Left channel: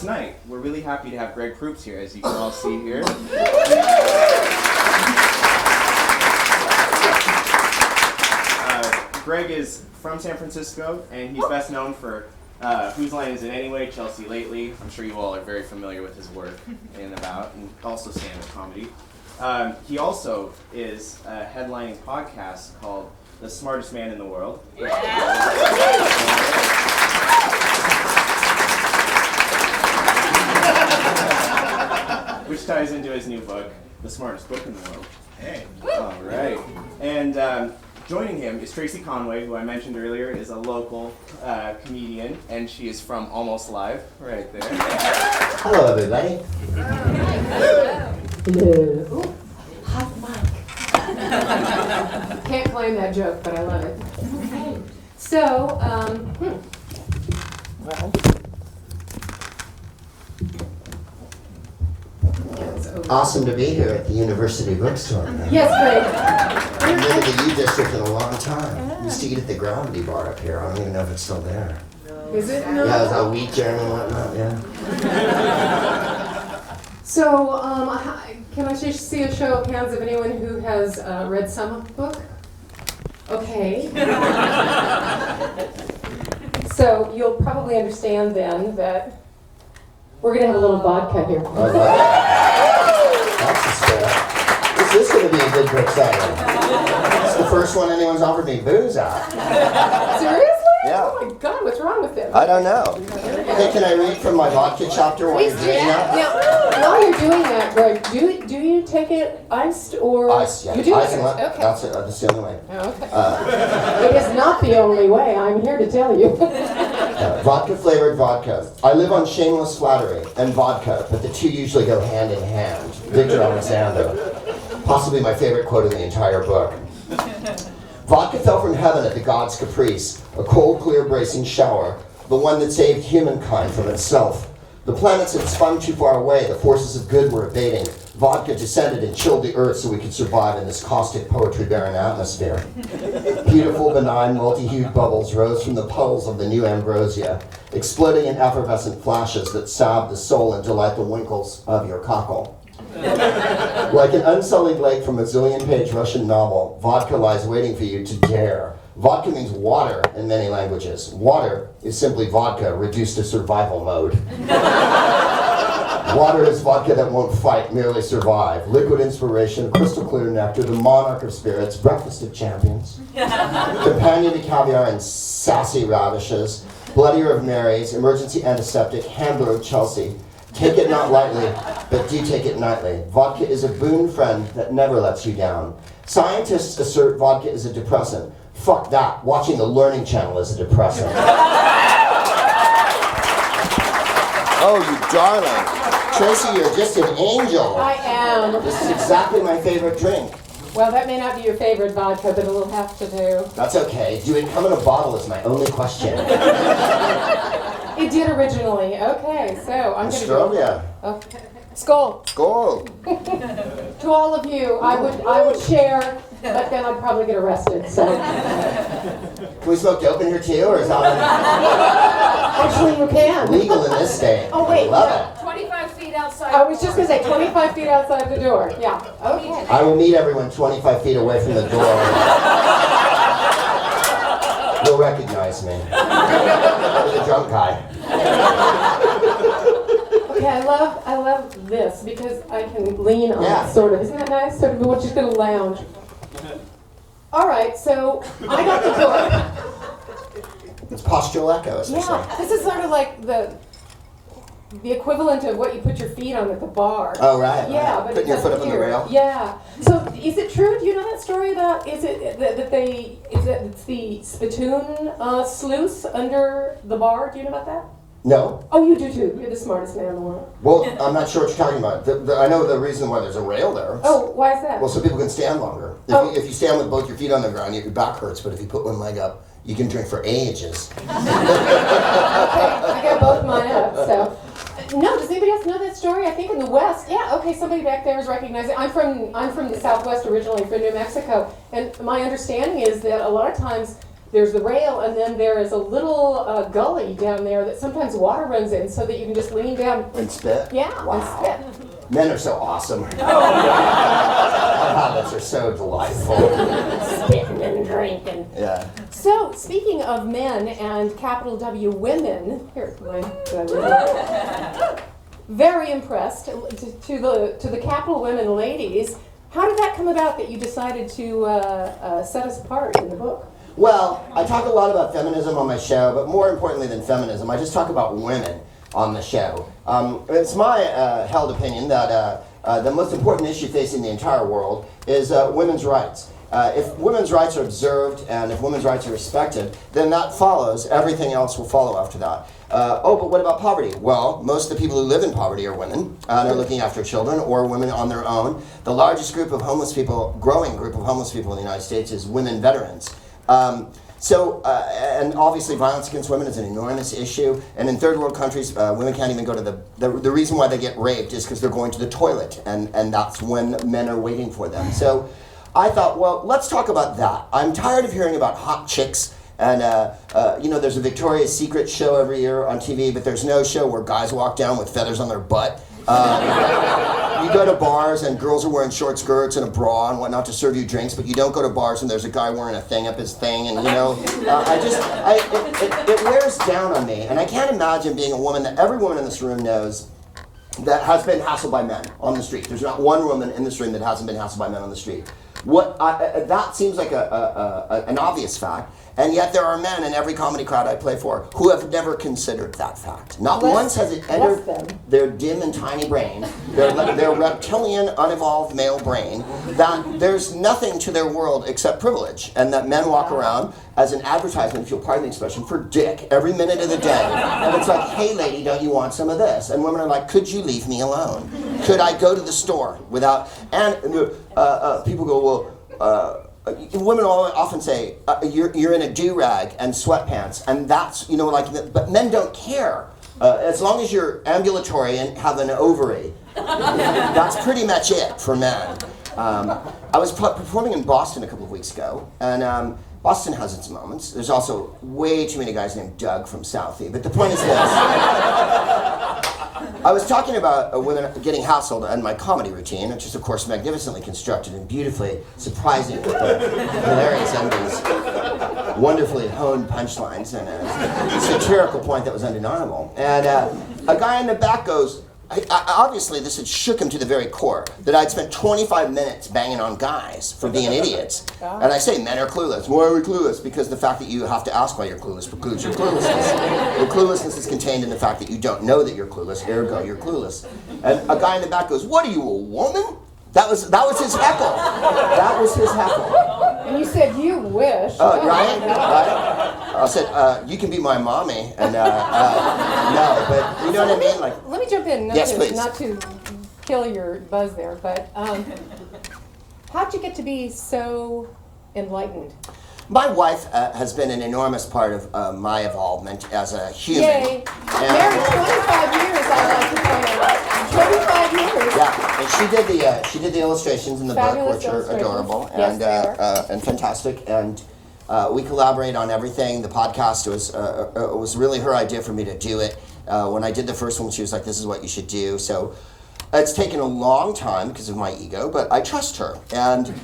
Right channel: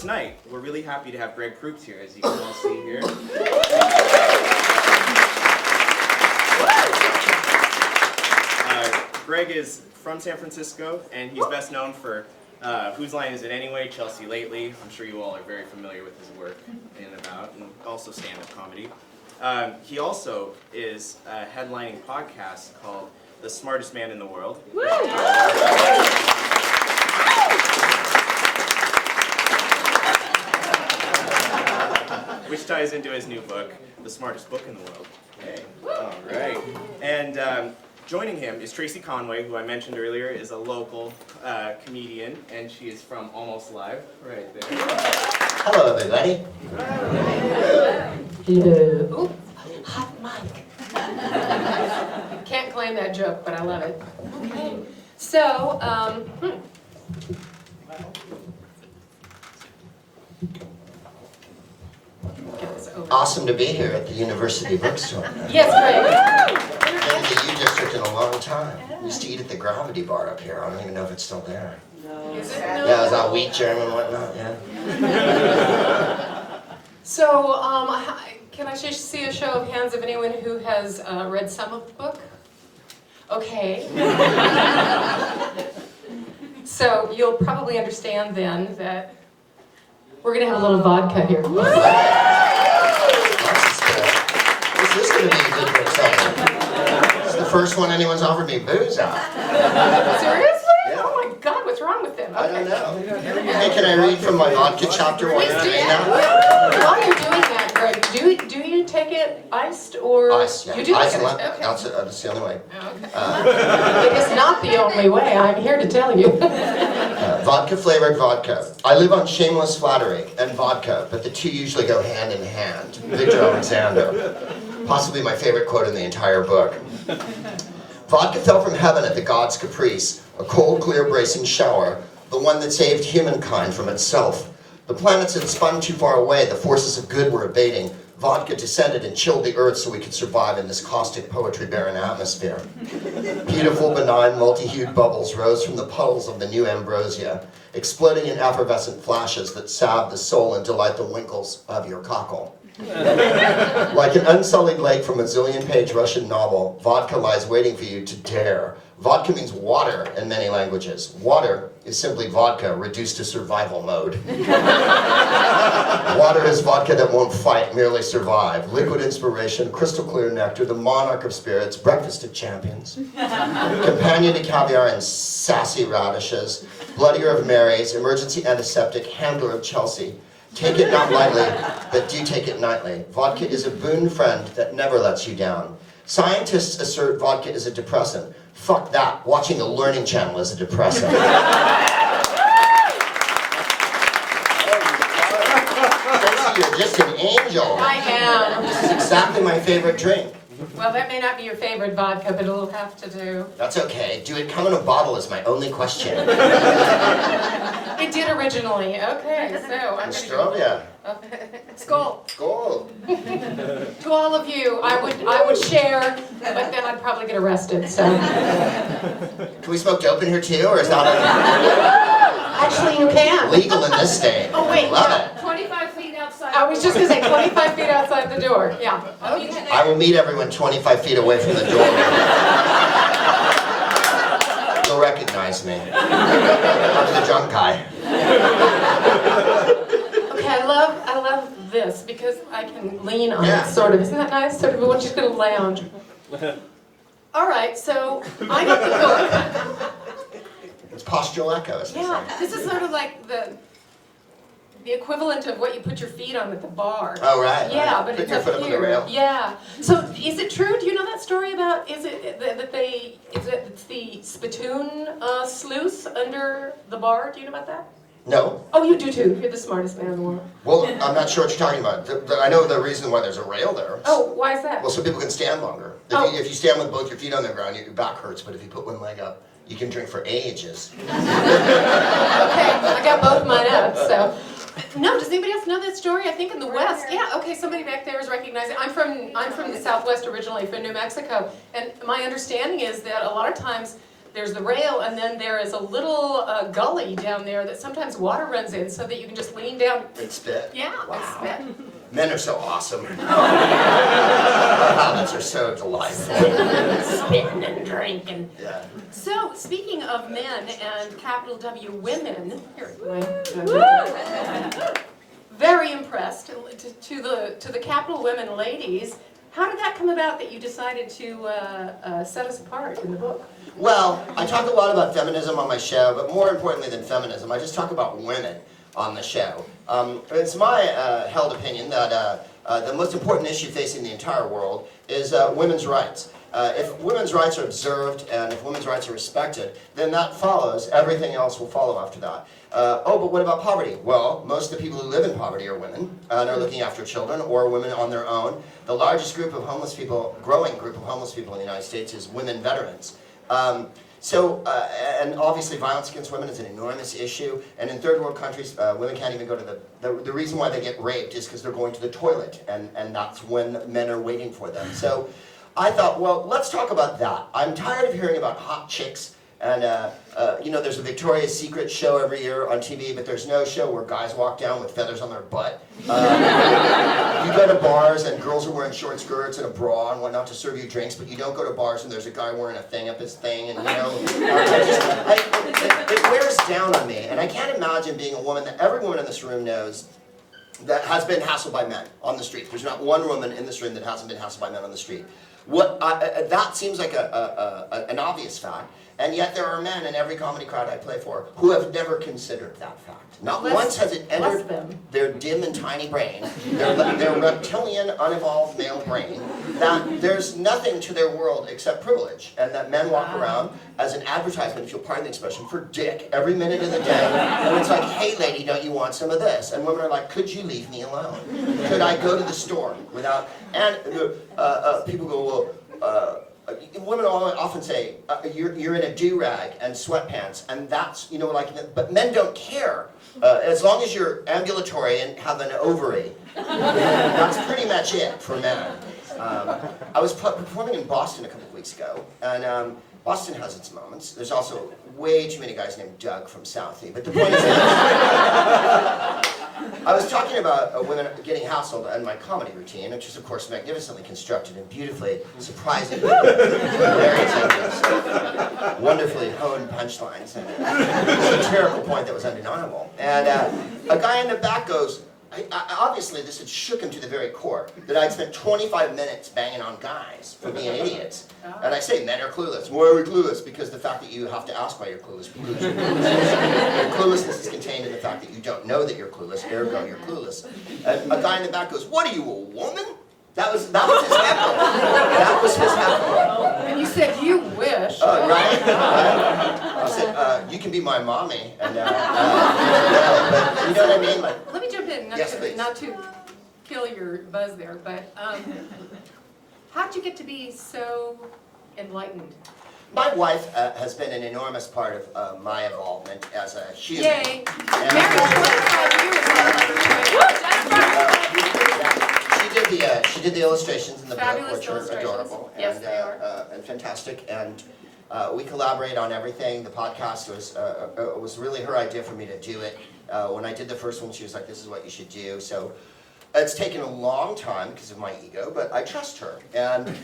Tonight, we're really happy to have Greg Proops here, as you can all see here. Greg is from San Francisco, and he's best known for Whose Line Is It Anyway, Chelsea Lately. I'm sure you all are very familiar with his work and also stand-up comedy. He also is headlining a podcast called The Smartest Man in the World. Which ties into his new book, The Smartest Book in the World. Hey. All right. And joining him is Tracy Conway, who I mentioned earlier is a local comedian, and she is from Almost Live, right there. Hello, everybody. Hello. Ooh, hot mic. Can't claim that joke, but I love it. Okay. So, well. Awesome to be here at the University Bookstore. Yes, Greg. I've been to the U District in a long time. I used to eat at the Gravity Bar up here. I don't even know if it's still there. Is it? No. Yeah, it was all wheat germ and whatnot, yeah. So, can I just see a show of hands of anyone who has read some of the book? Okay. So, you'll probably understand then that we're going to have a little vodka here. This is going to be a good book session. It's the first one anyone's offered me booze at. Seriously? Yeah. Oh my God, what's wrong with them? I don't know. Hey, can I read from my vodka chapter while you're doing that? Yeah. While you're doing that, Greg, do you take it iced or? Ice, yeah. You do Ice take and it? lemon. Okay. That's the only way. Okay. It is not the only way, I'm here to tell you. Vodka flavored vodka. I live on shameless flattery and vodka, but the two usually go hand in hand. Victor Alexander. Possibly my favorite quote in the entire book. Vodka fell from heaven at the god's caprice, a cold, clear, bracing shower, the one that saved humankind from itself. The planets had spun too far away, the forces of good were abating. Vodka descended and chilled the earth so we could survive in this caustic, poetry-barren atmosphere. Beautiful, benign, multi-hued bubbles rose from the puddles of the new ambrosia, exploding in effervescent flashes that salve the soul and delight the winkles of your cockle. Like an unsullied lake from a zillion-page Russian novel, vodka lies waiting for you to dare. Vodka means water in many languages. Water is simply vodka reduced to survival mode. Water is vodka that won't fight, merely survive. Liquid inspiration, crystal clear nectar, the monarch of spirits, breakfast of champions. Companion to caviar and sassy radishes, bloodier of Marys, emergency antiseptic, handler of Chelsea. Take it not lightly, but do take it nightly. Vodka is a boon friend that never lets you down. Scientists assert vodka is a depressant. Fuck that. Watching the Learning Channel is a depressant. Oh, you darling. Tracy, you're just an angel. I am. This is exactly my favorite drink. Well, that may not be your favorite vodka, but it'll have to do. That's okay. Do it come in a bottle is my only question. It did originally. Okay, so I'm going to go. Australia. Okay. Skull. Goal. To all of you, I would share, but then I'd probably get arrested. So Can we smoke dope in here too, or is that actually, you can. legal in this state? Oh wait, Love yeah. it. 25 feet outside. I was just going to say 25 feet outside the door. Yeah. Okay. I will meet everyone 25 feet away from the door. You'll recognize me. I'm the drunk guy. Okay, I love this because I can lean on Yeah. it, sort of. Isn't that nice? Sort of, we're just going to lounge. All right, so I got the book. It's postural echo, as they say. Yeah, this is sort of like the equivalent of what you put your feet on at the bar. Oh, right. Yeah, right. but Putting it's your foot up up on here. the rail. Yeah. So is it true? Do you know that story about? Is it that it's the spittoon sluice under the bar? Do you know about that? No. Oh, you do too. You're the smartest man in the world. Well, I'm not sure what you're talking about. I know the reason why there's a rail there. Oh, why is that? Well, so people can stand longer. If you stand with both your feet on the ground, your back hurts. But if you put one leg up, you can drink for ages. Okay, I got both mine up. So, no. Does anybody else know that story? I think in the West. Yeah. Okay. Somebody back there is recognizing. I'm from the Southwest originally, from New Mexico, and my understanding is that a lot of times there's the rail, and then there is a little gully down there that sometimes water runs in, so that you can just lean down. And spit? Yeah, Wow. and spit. Men are so awesome. Habits are so delightful. Spitting and drinking. Yeah. So, speaking of men and capital W women, here, very impressed to the capital women ladies. How did that come about that you decided to set us apart in the book? Well, I talk a lot about feminism on my show, but more importantly than feminism, I just talk about women on the show. It's my held opinion that the most important issue facing the entire world is women's rights. If women's rights are observed and if women's rights are respected, then that follows. Everything else will follow after that. But what about poverty? Well, most of the people who live in poverty are women and are looking after children or women on their own. The largest group of homeless people, growing group of homeless people in the United States is women veterans. And obviously violence against women is an enormous issue. And in third world countries, women can't even go to the reason why they get raped is because they're going to the toilet. And that's when men are waiting for them. So I thought, well, let's talk about that. I'm tired of hearing about hot chicks. And, there's a Victoria's Secret show every year on TV, but there's no show where guys walk down with feathers on their butt. You go to bars and girls are wearing short skirts and a bra and whatnot to serve you drinks, but you don't go to bars and there's a guy wearing a thing up his thing, and it wears down on me. And I can't imagine being a woman that every woman in this room knows that has been hassled by men on the street. There's not one woman in this room that hasn't been hassled by men on the street. That seems like an obvious fact. And yet there are men in every comedy crowd I play for who have never considered that fact. Not once has it entered their dim and tiny brain, their reptilian, unevolved male brain, that there's nothing to their world except privilege, and that men walk around as an advertisement, if you'll pardon the expression, for dick every minute of the day. And it's like, hey lady, don't you want some of this? And women are like, could you leave me alone? Could I go to the store without... And people go, well, women often say, you're in a do-rag and sweatpants, and that's, but men don't care. As long as you're ambulatory and have an ovary, that's pretty much it for men. I was performing in Boston a couple of weeks ago, and Boston has its moments. There's also way too many guys named Doug from Southie, but the point is this. I was talking about women getting hassled and my comedy routine, which is of course magnificently constructed and beautifully surprising, hilarious endings, wonderfully honed punchlines, and a satirical point that was undeniable. And a guy in the back goes, obviously this had shook him to the very core, that I'd spent 25 minutes banging on guys for being idiots. And I say men are clueless. Why are we clueless? Because the fact that you have to ask why you're clueless precludes your cluelessness. Your cluelessness is contained in the fact that you don't know that you're clueless, ergo you're clueless. And a guy in the back goes, what are you, a woman? That was his heckle. That was his heckle. And you said, you wish. Oh, right? I said, you can be my mommy. And, no, but you know what I mean? Like, let me jump in, yes, not to kill your buzz there, but how'd you get to be so enlightened? My wife has been an enormous part of my involvement as a human. Yay! And Married 25 years, I'd like to point out. 25 years. Yeah, and she did the illustrations in the Fabulous book, which are adorable Yes, and fantastic. And we collaborate on everything. The podcast was really her idea for me to do it. When I did the first one, she was like, "This is what you should do." So it's taken a long time because of my ego, but I trust her, and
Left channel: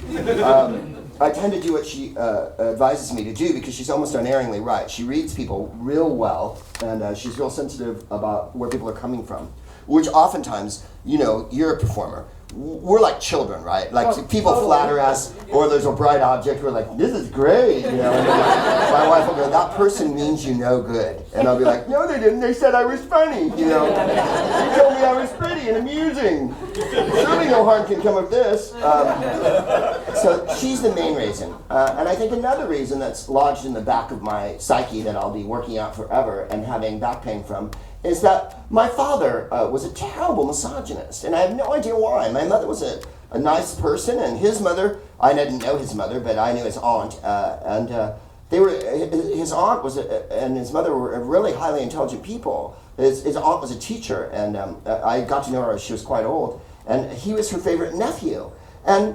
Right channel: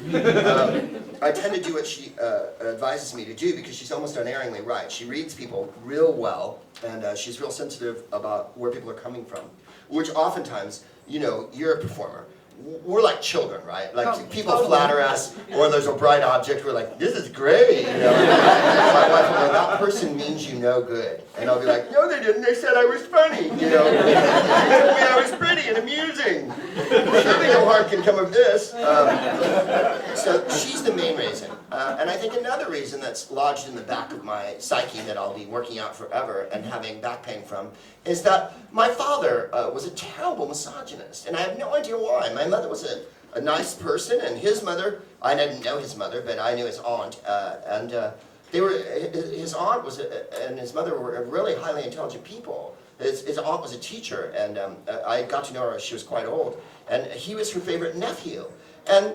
I tend to do what she advises me to do because she's almost unerringly right. She reads people real well, and she's real sensitive about where people are coming from, which oftentimes, you're a performer. We're like children, right? Like people totally. flatter us, or there's a bright object. We're like, "This is great," My wife will be like, "That person means you no good," and I'll be like, "No, they didn't. They said I was funny. They told me I was pretty and amusing. Surely no harm can come of this." So she's the main reason, and I think another reason that's lodged in the back of my psyche that I'll be working out forever and having back pain from is that my father was a terrible misogynist, and I have no idea why. My mother was a nice person, and his mother, I didn't know his mother, but I knew his aunt, and his aunt and his mother were really highly intelligent people. His aunt was a teacher, and I got to know her as she was quite old, and he was her favorite nephew. And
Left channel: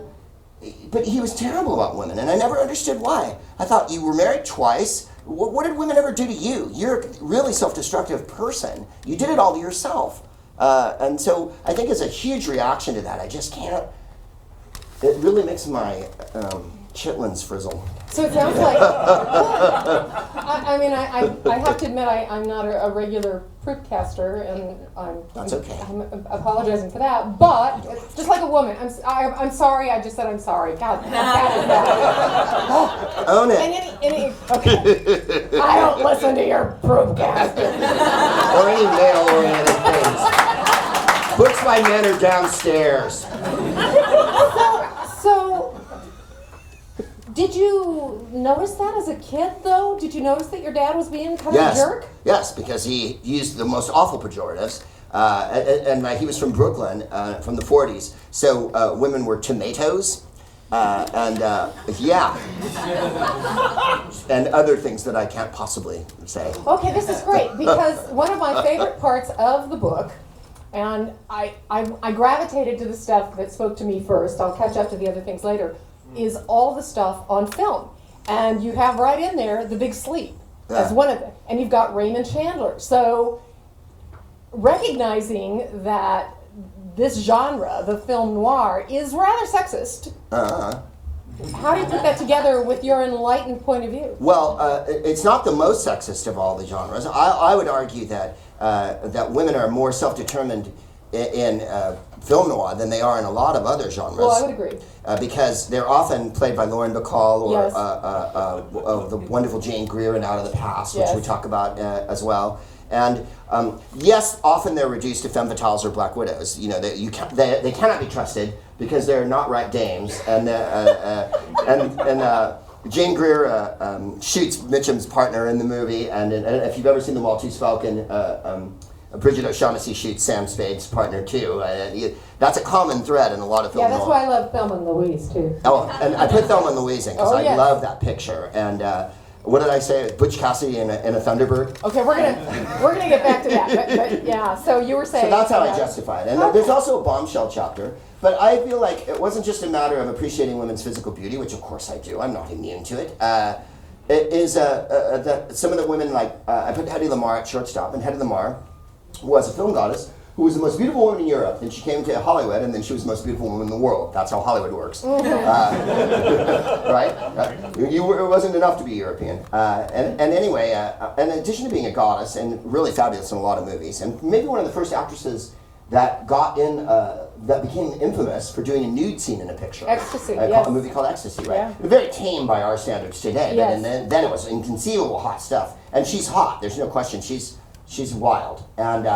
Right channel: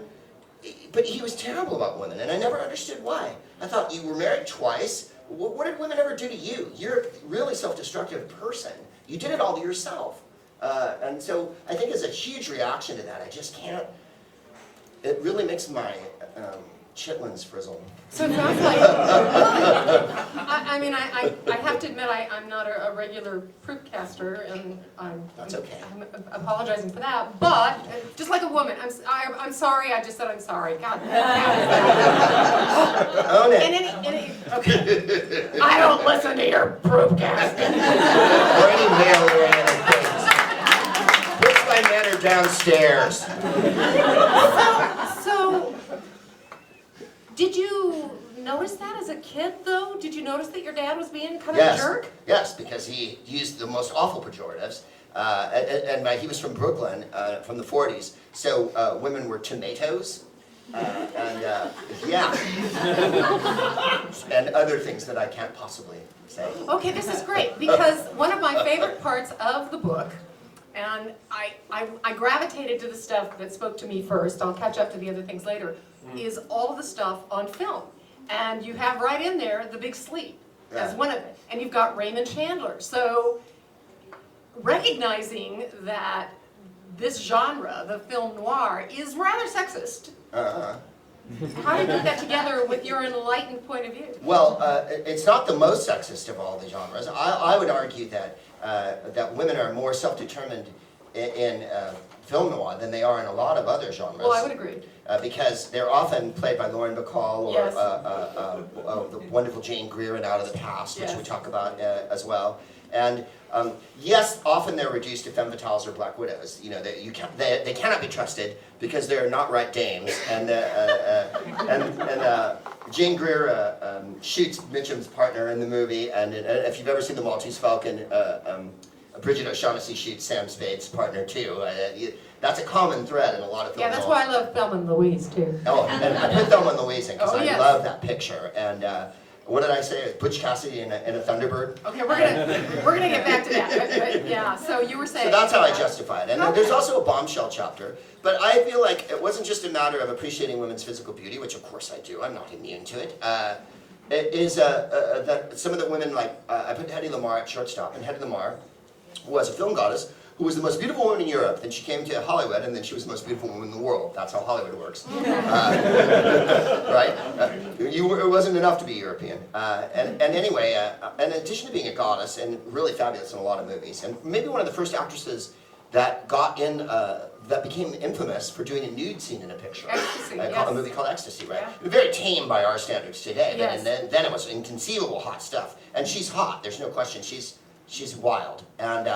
but he was terrible about women, and I never understood why. I thought, you were married twice. What did women ever do to you? You're a really self-destructive person. You did it all to yourself. And so I think as a huge reaction to that, I just can't, it really makes my chitlins frizzle. So it sounds like, I have to admit I'm not a regular proopcaster, and That's okay. I'm apologizing for that. But just like a woman, I'm sorry. I just said I'm sorry. God, Own it. okay. I don't listen to your proopcasting. Or any male-oriented things. Books by men are downstairs. So, did you notice that as a kid, though? Did you notice that your dad was being kind of a jerk? Yes, because he used the most awful pejoratives. And he was from Brooklyn, from the 40s. So women were tomatoes, and other things that I can't possibly say. Okay, this is great, because one of my favorite parts of the book, and I gravitated to the stuff that spoke to me first, I'll catch up to the other things later, is all the stuff on film. And you have right in there The Big Sleep as one of them. And you've got Raymond Chandler. So recognizing that this genre, the film noir, is rather sexist, how do you put that together with your enlightened point of view? Well, it's not the most sexist of all the genres. I would argue that women are more self-determined in film noir than they are in a lot of other genres. Well, I would agree. Because they're often played by Lauren Bacall or Yes. The wonderful Jane Greer in Out of the Past, which Yes. we talk about as well. And yes, often they're reduced to femme fatales or black widows. You know, they cannot be trusted because they're not right dames. And Jane Greer shoots Mitchum's partner in the movie. And if you've ever seen The Maltese Falcon, Bridget O'Shaughnessy shoots Sam Spade's partner too. That's a common thread in a lot of films. Yeah, that's why I love Thelma and Louise too. Oh, and I put Thelma and Louise in because yes. I love that picture. And what did I say? Butch Cassidy in a Thunderbird. Okay, we're gonna get back to that. But yeah, so you were saying. So that's how I justify it. And then there's also a bombshell chapter. But I feel like it wasn't just a matter of appreciating women's physical beauty, which of course I do. I'm not immune to it. It is that some of the women, like I put Hedy Lamarr at shortstop, and Hedy Lamarr was a film goddess who was the most beautiful woman in Europe. Then she came to Hollywood, and then she was the most beautiful woman in the world. That's how Hollywood works. Right? It wasn't enough to be European. And anyway, in addition to being a goddess, and really fabulous in a lot of movies, and maybe one of the first actresses that got in, that became infamous for doing a nude scene in a picture. Ecstasy, A movie called Ecstasy, right? Yeah. Very tame by our standards today, Yes. but then it was inconceivable hot stuff. And she's hot, there's no question. She's wild. And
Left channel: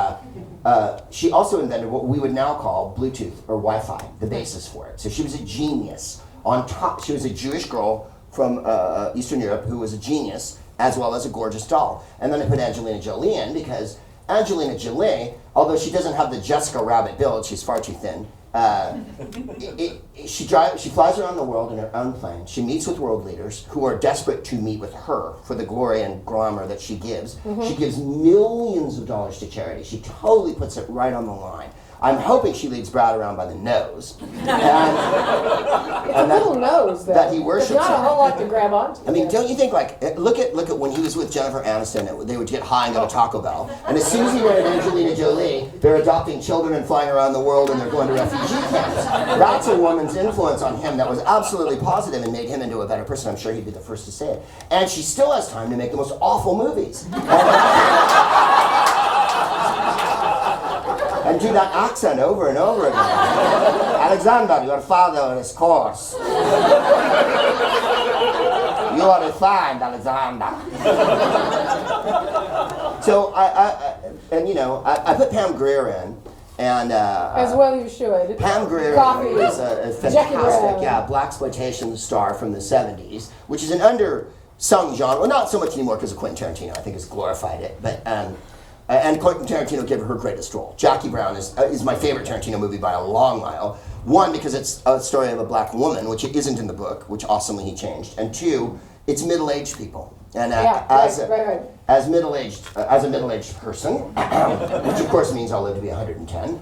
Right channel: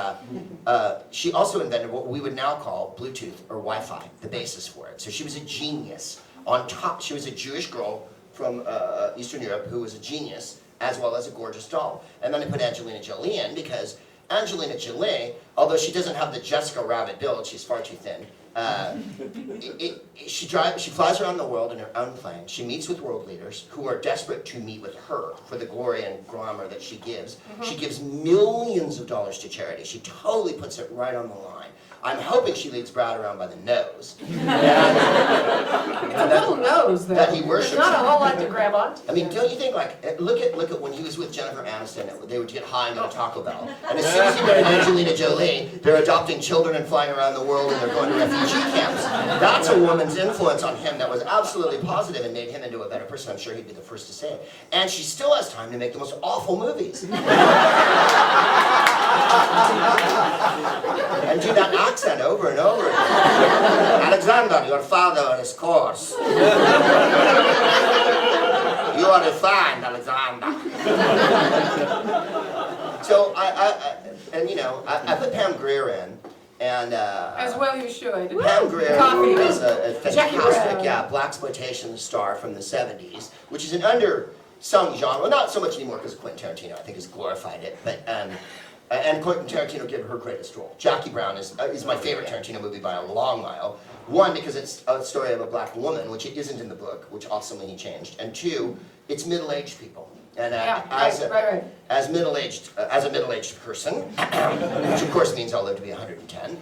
she also invented what we would now call Bluetooth or Wi-Fi, the basis for it. So she was a genius. On top, she was a Jewish girl from Eastern Europe who was a genius, as well as a gorgeous doll. And then I put Angelina Jolie in because Angelina Jolie, although she doesn't have the Jessica Rabbit build, she's far too thin. She flies around the world in her own plane. She meets with world leaders who are desperate to meet with her for the glory and glamour that she gives. Mm-hmm. She gives millions of dollars to charity. She totally puts it right on the line. I'm hoping she leads Brad around by the nose. It's a little nose, though. That he worships. There's not a whole lot to grab onto. I mean, don't you think, like, look at when he was with Jennifer Aniston, they would get high and go to Taco Bell. And as soon as he married Angelina Jolie, they're adopting children and flying around the world and they're going to refugee camps. That's a woman's influence on him that was absolutely positive and made him into a better person. I'm sure he'd be the first to say it. And she still has time to make the most awful movies. And do that accent over and over again. Alexander, your father is coarse. You are refined, Alexander. So I put Pam Grier in, and As well you should. Pam Grier Coffee. is a fantastic, blaxploitation star from the '70s, which is an undersung genre. Well, not so much anymore because of Quentin Tarantino. I think has glorified it, but. And Quentin Tarantino gave her her greatest role. Jackie Brown is my favorite Tarantino movie by a long mile. One, because it's a story of a black woman, which it isn't in the book, which awesomely he changed. And two, it's middle-aged people. And as a middle-aged person, which of course means I'll live to be 110,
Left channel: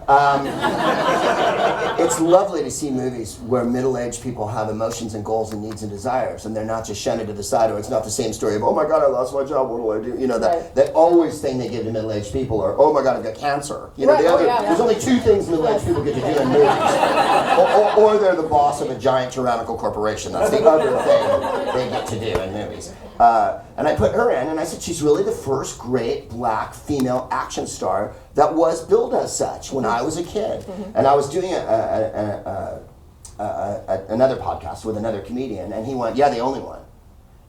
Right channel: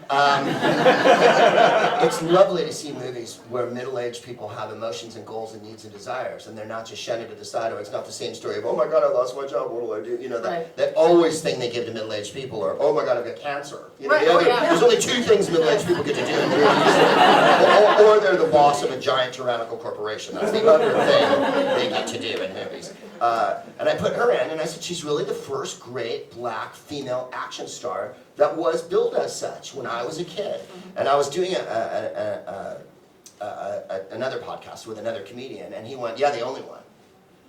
it's lovely to see movies where middle-aged people have emotions and goals and needs and desires, and they're not just shunted to the side, or it's not the same story of, oh my God, I lost my job, what do I do? You know, that always thing they give to middle-aged people, or, oh my God, I've got cancer. You know, there's only two things middle-aged people get to do in movies. Or they're the boss of a giant tyrannical corporation. That's the other thing they get to do in movies. And I put her in, and I said, she's really the first great black female action star that was billed as such when I was a kid. And I was doing another podcast with another comedian, and he went, yeah, the only one.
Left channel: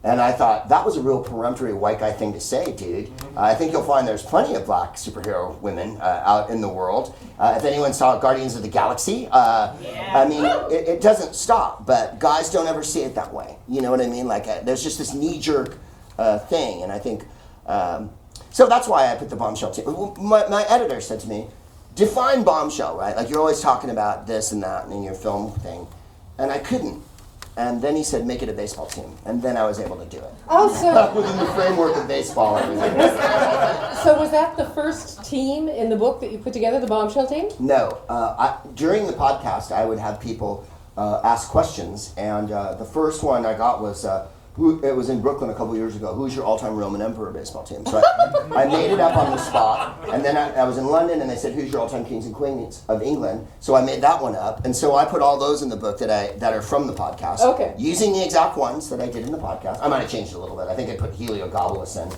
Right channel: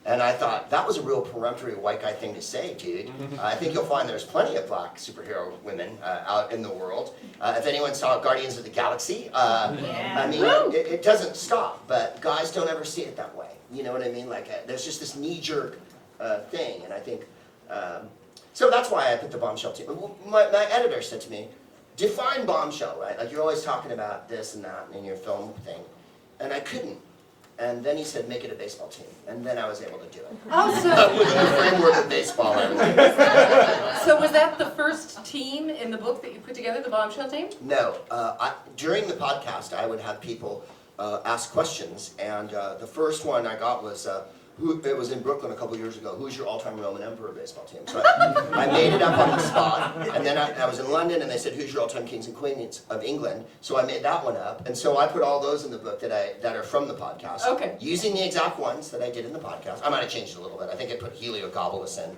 And I thought, that was a real peremptory white guy thing to say, dude. I think you'll find there's plenty of black superhero women out in the world. If anyone saw Guardians of the Galaxy, I mean, it doesn't stop, but guys don't ever see it that way. You know what I mean? Like, there's just this knee-jerk thing, and I think, so that's why I put the bombshell team. My editor said to me, define bombshell, right? Like, you're always talking about this and that in your film thing, and I couldn't. And then he said, make it a baseball team. And then I was able to do it. Oh, so... Within the framework of baseball, everything. So was that the first team in the book that you put together, the bombshell team? No. During the podcast, I would have people ask questions. And the first one I got was, it was in Brooklyn a couple years ago, who's your all-time Roman Emperor baseball team? So I made it up on the spot. And then I was in London, and they said, who's your all-time kings and queens of England? So I made that one up. And so I put all those in the book that are from the podcast. Okay. Using the exact ones that I did in the podcast. I might have changed it a little bit. I think I put Heliogabalus in,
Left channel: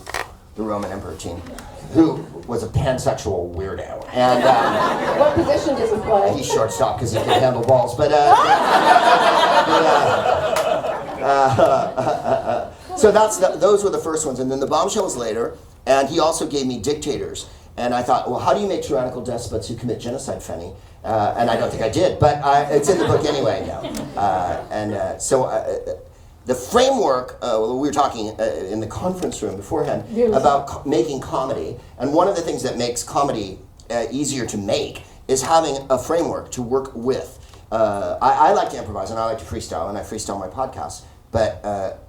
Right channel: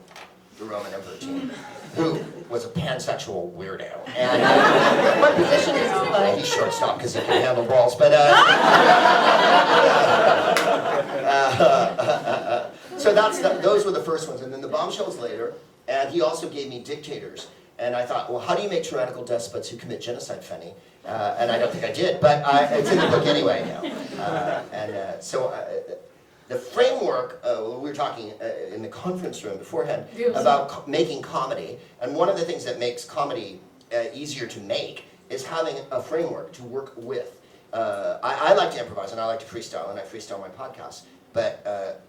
the Roman Emperor team, who was a pansexual weirdo. And What position does he play? he's shortstop because he can handle balls. But so those were the first ones, and then the bombshell was later. And he also gave me dictators, and I thought, well, how do you make tyrannical despots who commit genocide funny? And I don't think I did, but it's in the book anyway. The framework, we were talking in the conference room beforehand about making comedy, and one of the things that makes comedy easier to make is having a framework to work with. I like to improvise, and I like to freestyle, and I freestyle my podcasts, but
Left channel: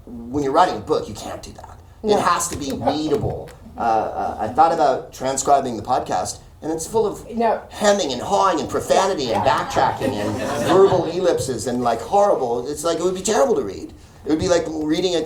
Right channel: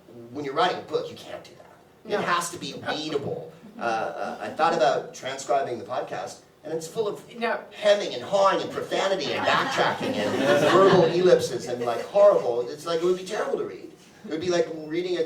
when you're writing a book, you can't do that. No. It has to be readable. I thought about transcribing the podcast, and it's full of hemming and hawing and profanity and backtracking and verbal ellipses and like horrible. It's like it would be terrible to read. It would be like reading a you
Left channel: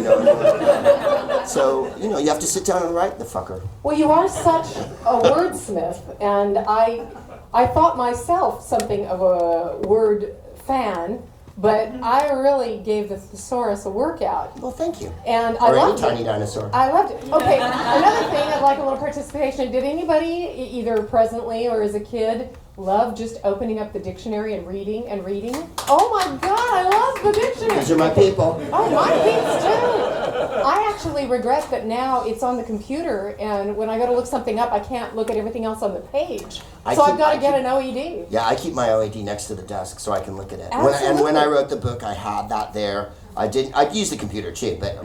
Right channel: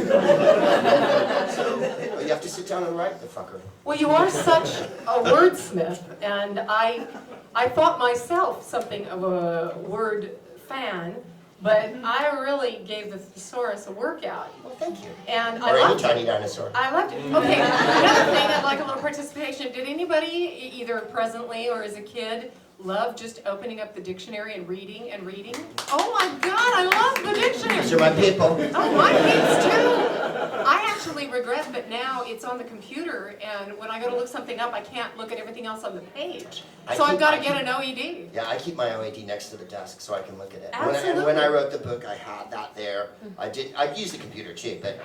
know. So, you know, you have to sit down and write the fucker. Well, you are such a wordsmith, and I thought myself something of a word fan, but I really gave the thesaurus a workout. Well, thank you. And I loved it. Or any tiny dinosaur. I loved it. Okay, another thing, I'd like a little participation. Did anybody, either presently or as a kid, love just opening up the dictionary and reading and reading? Oh my God, I love the dictionary. These are my people. Oh, my peeps too. I actually regret that now it's on the computer, and when I go to look something up, I can't look at everything else on the page. So I've got to get an OED. Yeah, I keep my OED next to the desk so I can look at it. Absolutely. When I wrote the book, I had that there. I'd use the computer too, but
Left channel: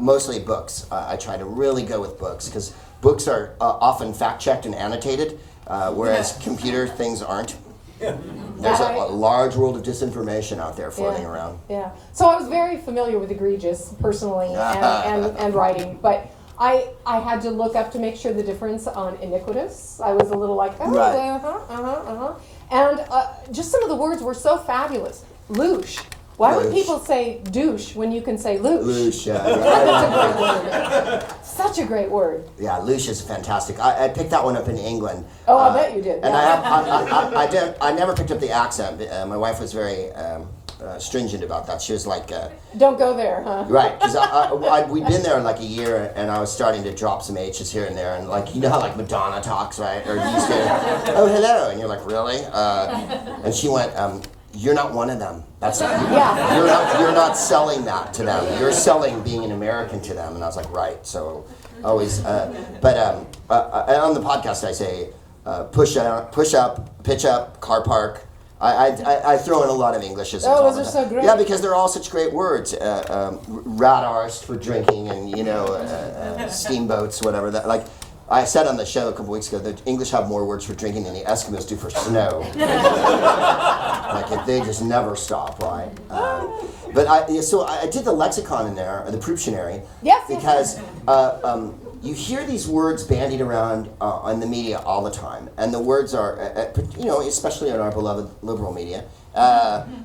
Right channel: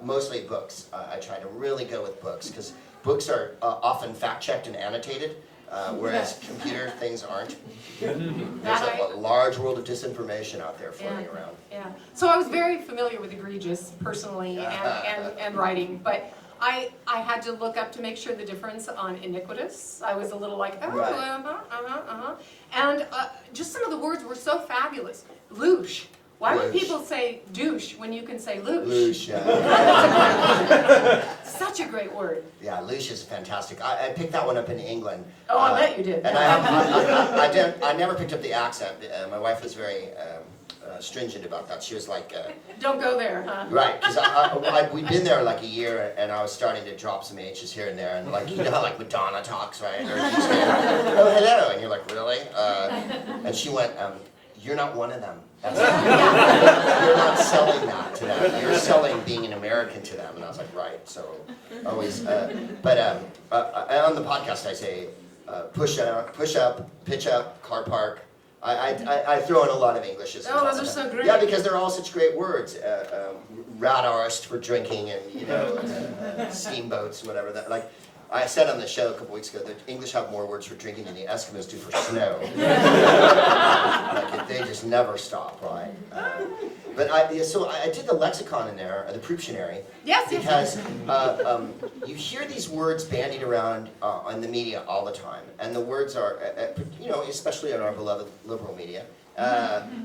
mostly books. I try to really go with books because books are often fact-checked and annotated. Whereas computer things aren't. There's a large world of disinformation out there floating around. Yeah. So I was very familiar with egregious personally and writing, but I had to look up to make sure the difference on iniquitous. I was a little like, and just some of the words were so fabulous. Loosh. Why would people say douche when you can say loosh? Loosh, yeah. Such a great word. Yeah, loosh is fantastic. I picked that one up in England. Oh, I bet you did. And I never picked up the accent. My wife was very stringent about that. She was like... Don't go there, huh? Right, because we'd been there like a year, and I was starting to drop some H's here and there, and like, you know how like Madonna talks, right? Or you say, oh, hello, and you're like, really? And she went, you're not one of them. That's you're not selling that to them. You're selling being an American to them. And I was like, right. So always, but on the podcast I say, push up, pitch up, car park. I throw in a lot of Englishes. Oh, those are so great. Yeah, because they're all such great words. Rat arse for drinking, and you know, steamboats, whatever. That like. I said on the show a couple weeks ago that English have more words for drinking than the Eskimos do for snow. Like they just never stop, right? But I did the lexicon in there, the Prooptionary, because you hear these words bandied around in the media all the time, and the words are, especially in our beloved liberal media,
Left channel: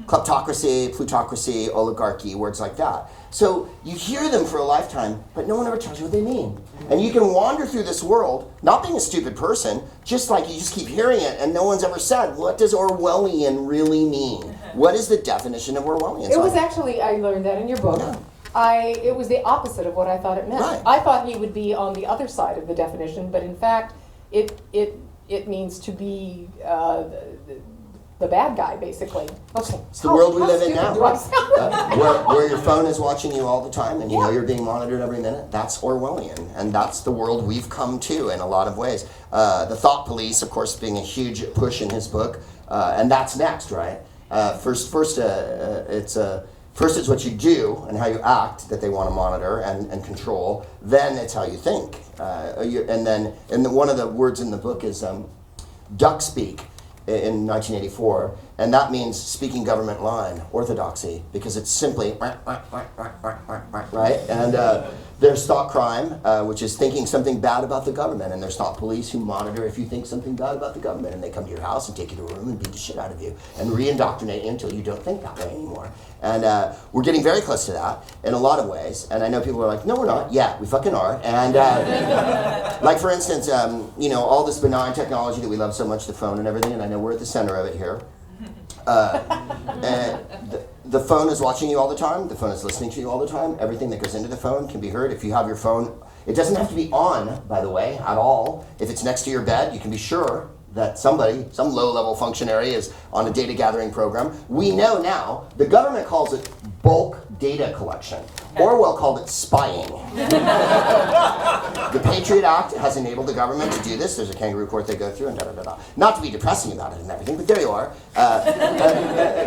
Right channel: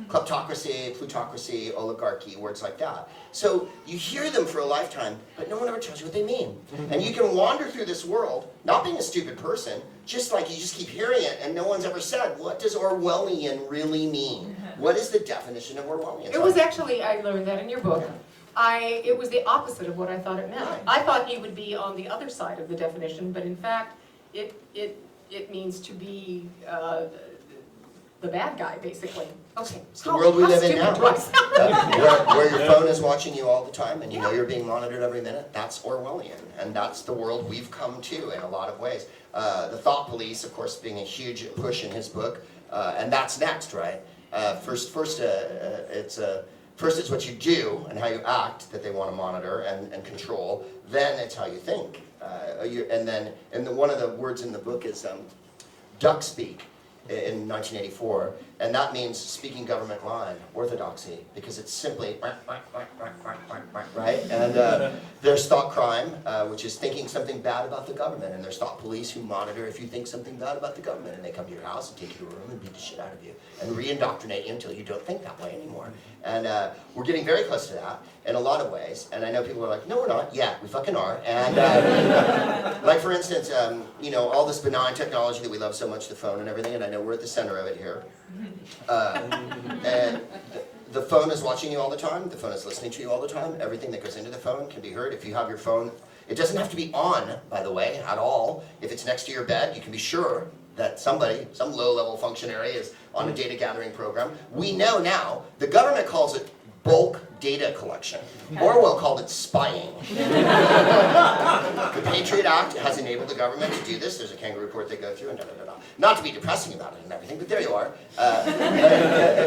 kleptocracy, plutocracy, oligarchy, words like that. So you hear them for a lifetime, but no one ever tells you what they mean. And you can wander through this world, not being a stupid person, just like you just keep hearing it, and no one's ever said, what does Orwellian really mean? What is the definition of Orwellian? It was actually, I learned that in your book. Yeah. It was the opposite of what I thought it meant. Right. I thought he would be on the other side of the definition, but in fact, it means to be the bad guy, basically. Okay. It's the world we live in now. Do I sound? Where your phone is watching you all the time and you know you're being monitored every minute. That's Orwellian, and that's the world we've come to in a lot of ways. The thought police, of course, being a huge push in his book, and that's next, right? First it's what you do and how you act that they want to monitor and control. Then it's how you think. One of the words in the book is duck speak in 1984, and that means speaking government line, orthodoxy, because it's simply right. And there's thought crime, which is thinking something bad about the government, and there's thought police who monitor if you think something bad about the government, and they come to your house and take you to a room and beat the shit out of you and re-indoctrinate you until you don't think that way anymore. And we're getting very close to that in a lot of ways. And I know people are like, no, we're not. Yeah, we fucking are. And like, for instance, all this benign technology that we love so much, the phone and everything, and I know we're at the center of it here. And the phone is watching you all the time. The phone is listening to you all the time. Everything that goes into the phone can be heard. If you have your phone, it doesn't have to be on, by the way, at all. If it's next to your bed, you can be sure that some low-level functionary is on a data gathering program. We know now, the government calls it bulk data collection. Orwell called it spying. The Patriot Act has enabled the government to do this. There's a kangaroo court they go through and da-da-da-da. Not to be depressing about it and everything, but there you are.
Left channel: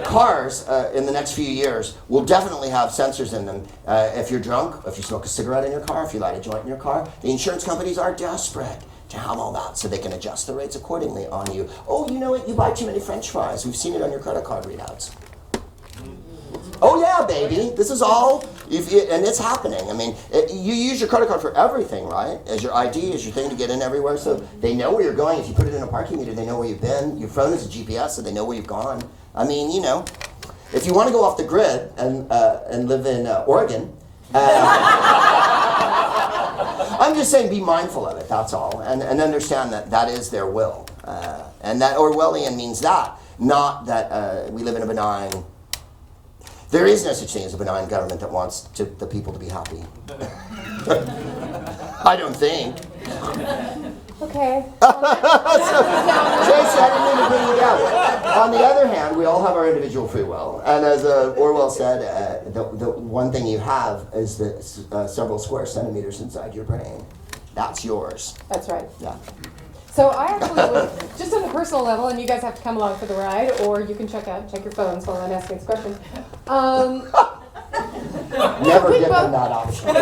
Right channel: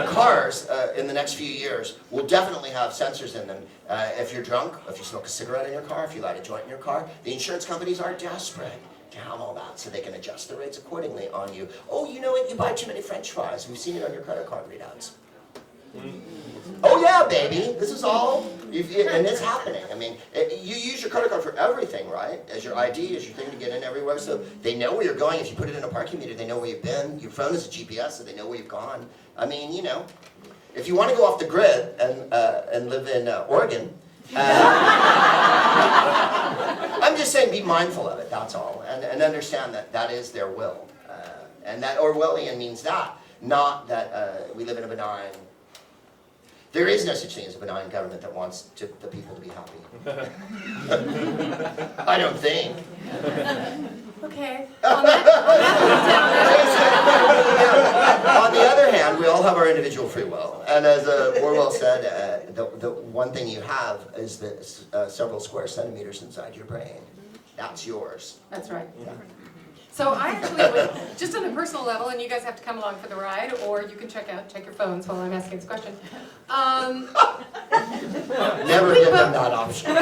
Cars in the next few years will definitely have sensors in them. If you're drunk, if you smoke a cigarette in your car, if you light a joint in your car, the insurance companies are desperate to have all that so they can adjust the rates accordingly on you. Oh, you know what? You buy too many French fries. We've seen it on your credit card readouts. Oh yeah, baby. This is all, and it's happening. I mean, you use your credit card for everything, right? As your ID, as your thing to get in everywhere. So they know where you're going. If you put it in a parking meter, they know where you've been. Your phone is a GPS, so they know where you've gone. I mean, if you want to go off the grid and live in Oregon, I'm just saying be mindful of it, that's all. And understand that that is their will. And that Orwellian means that, not that we live in a benign. There is no such thing as a benign government that wants the people to be happy. I don't think. Okay. On the other hand, we all have our individual free will. And as Orwell said, the one thing you have is the several square centimeters inside your brain. That's yours. That's right. Yeah. So I actually, just on a personal level, and you guys have to come along for the ride, or you can check your phones while I'm asking this question. Never give them that option.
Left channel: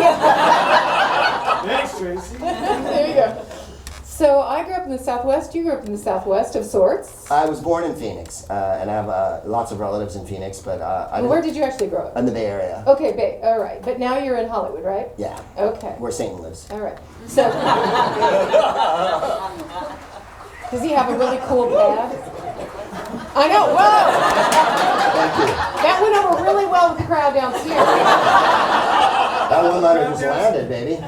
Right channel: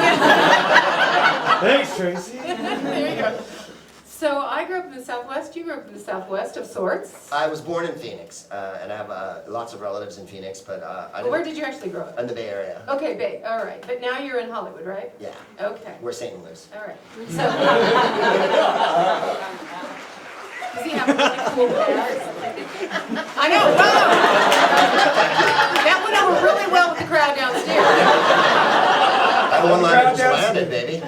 Thanks, Tracy. There you go. So I grew up in the Southwest. You grew up in the Southwest of sorts. I was born in Phoenix, and I have lots of relatives in Phoenix, but Where did you actually grow up? in the Bay Area. Okay, Bay. All right. But now you're in Hollywood, right? Yeah. Okay. Where Satan lives. All right. So does he have a really cool dad? I know. Whoa! That went over really well with the crowd downstairs. That one-liner just landed, baby.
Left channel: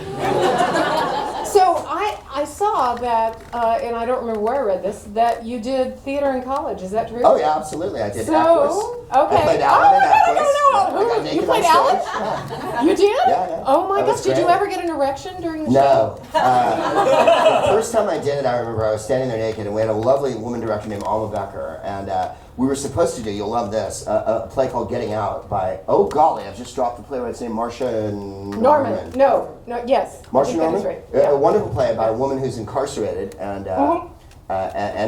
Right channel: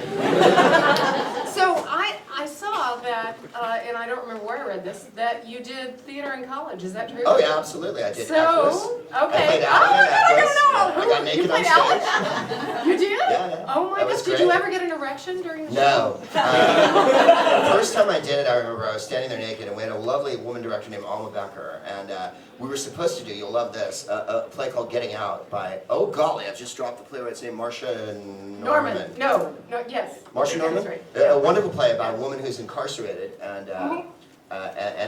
So I saw that, and I don't remember where I read this, that you did theater in college. Is that true? Oh yeah, absolutely. I did. So, okay. I got naked You played on stage. Alice? You did? Yeah. Oh my That was gosh, did you great. ever get an erection during the show? No. The first time I did it, I remember I was standing there naked, and we had a lovely woman director named Alma Becker, and we were supposed to do, you'll love this, a play called Getting Out by, oh golly, I've just dropped the playwright's name, Marcia Norman. No, yes. Marcia I think Norman? that's right. A wonderful play about a woman who's incarcerated, and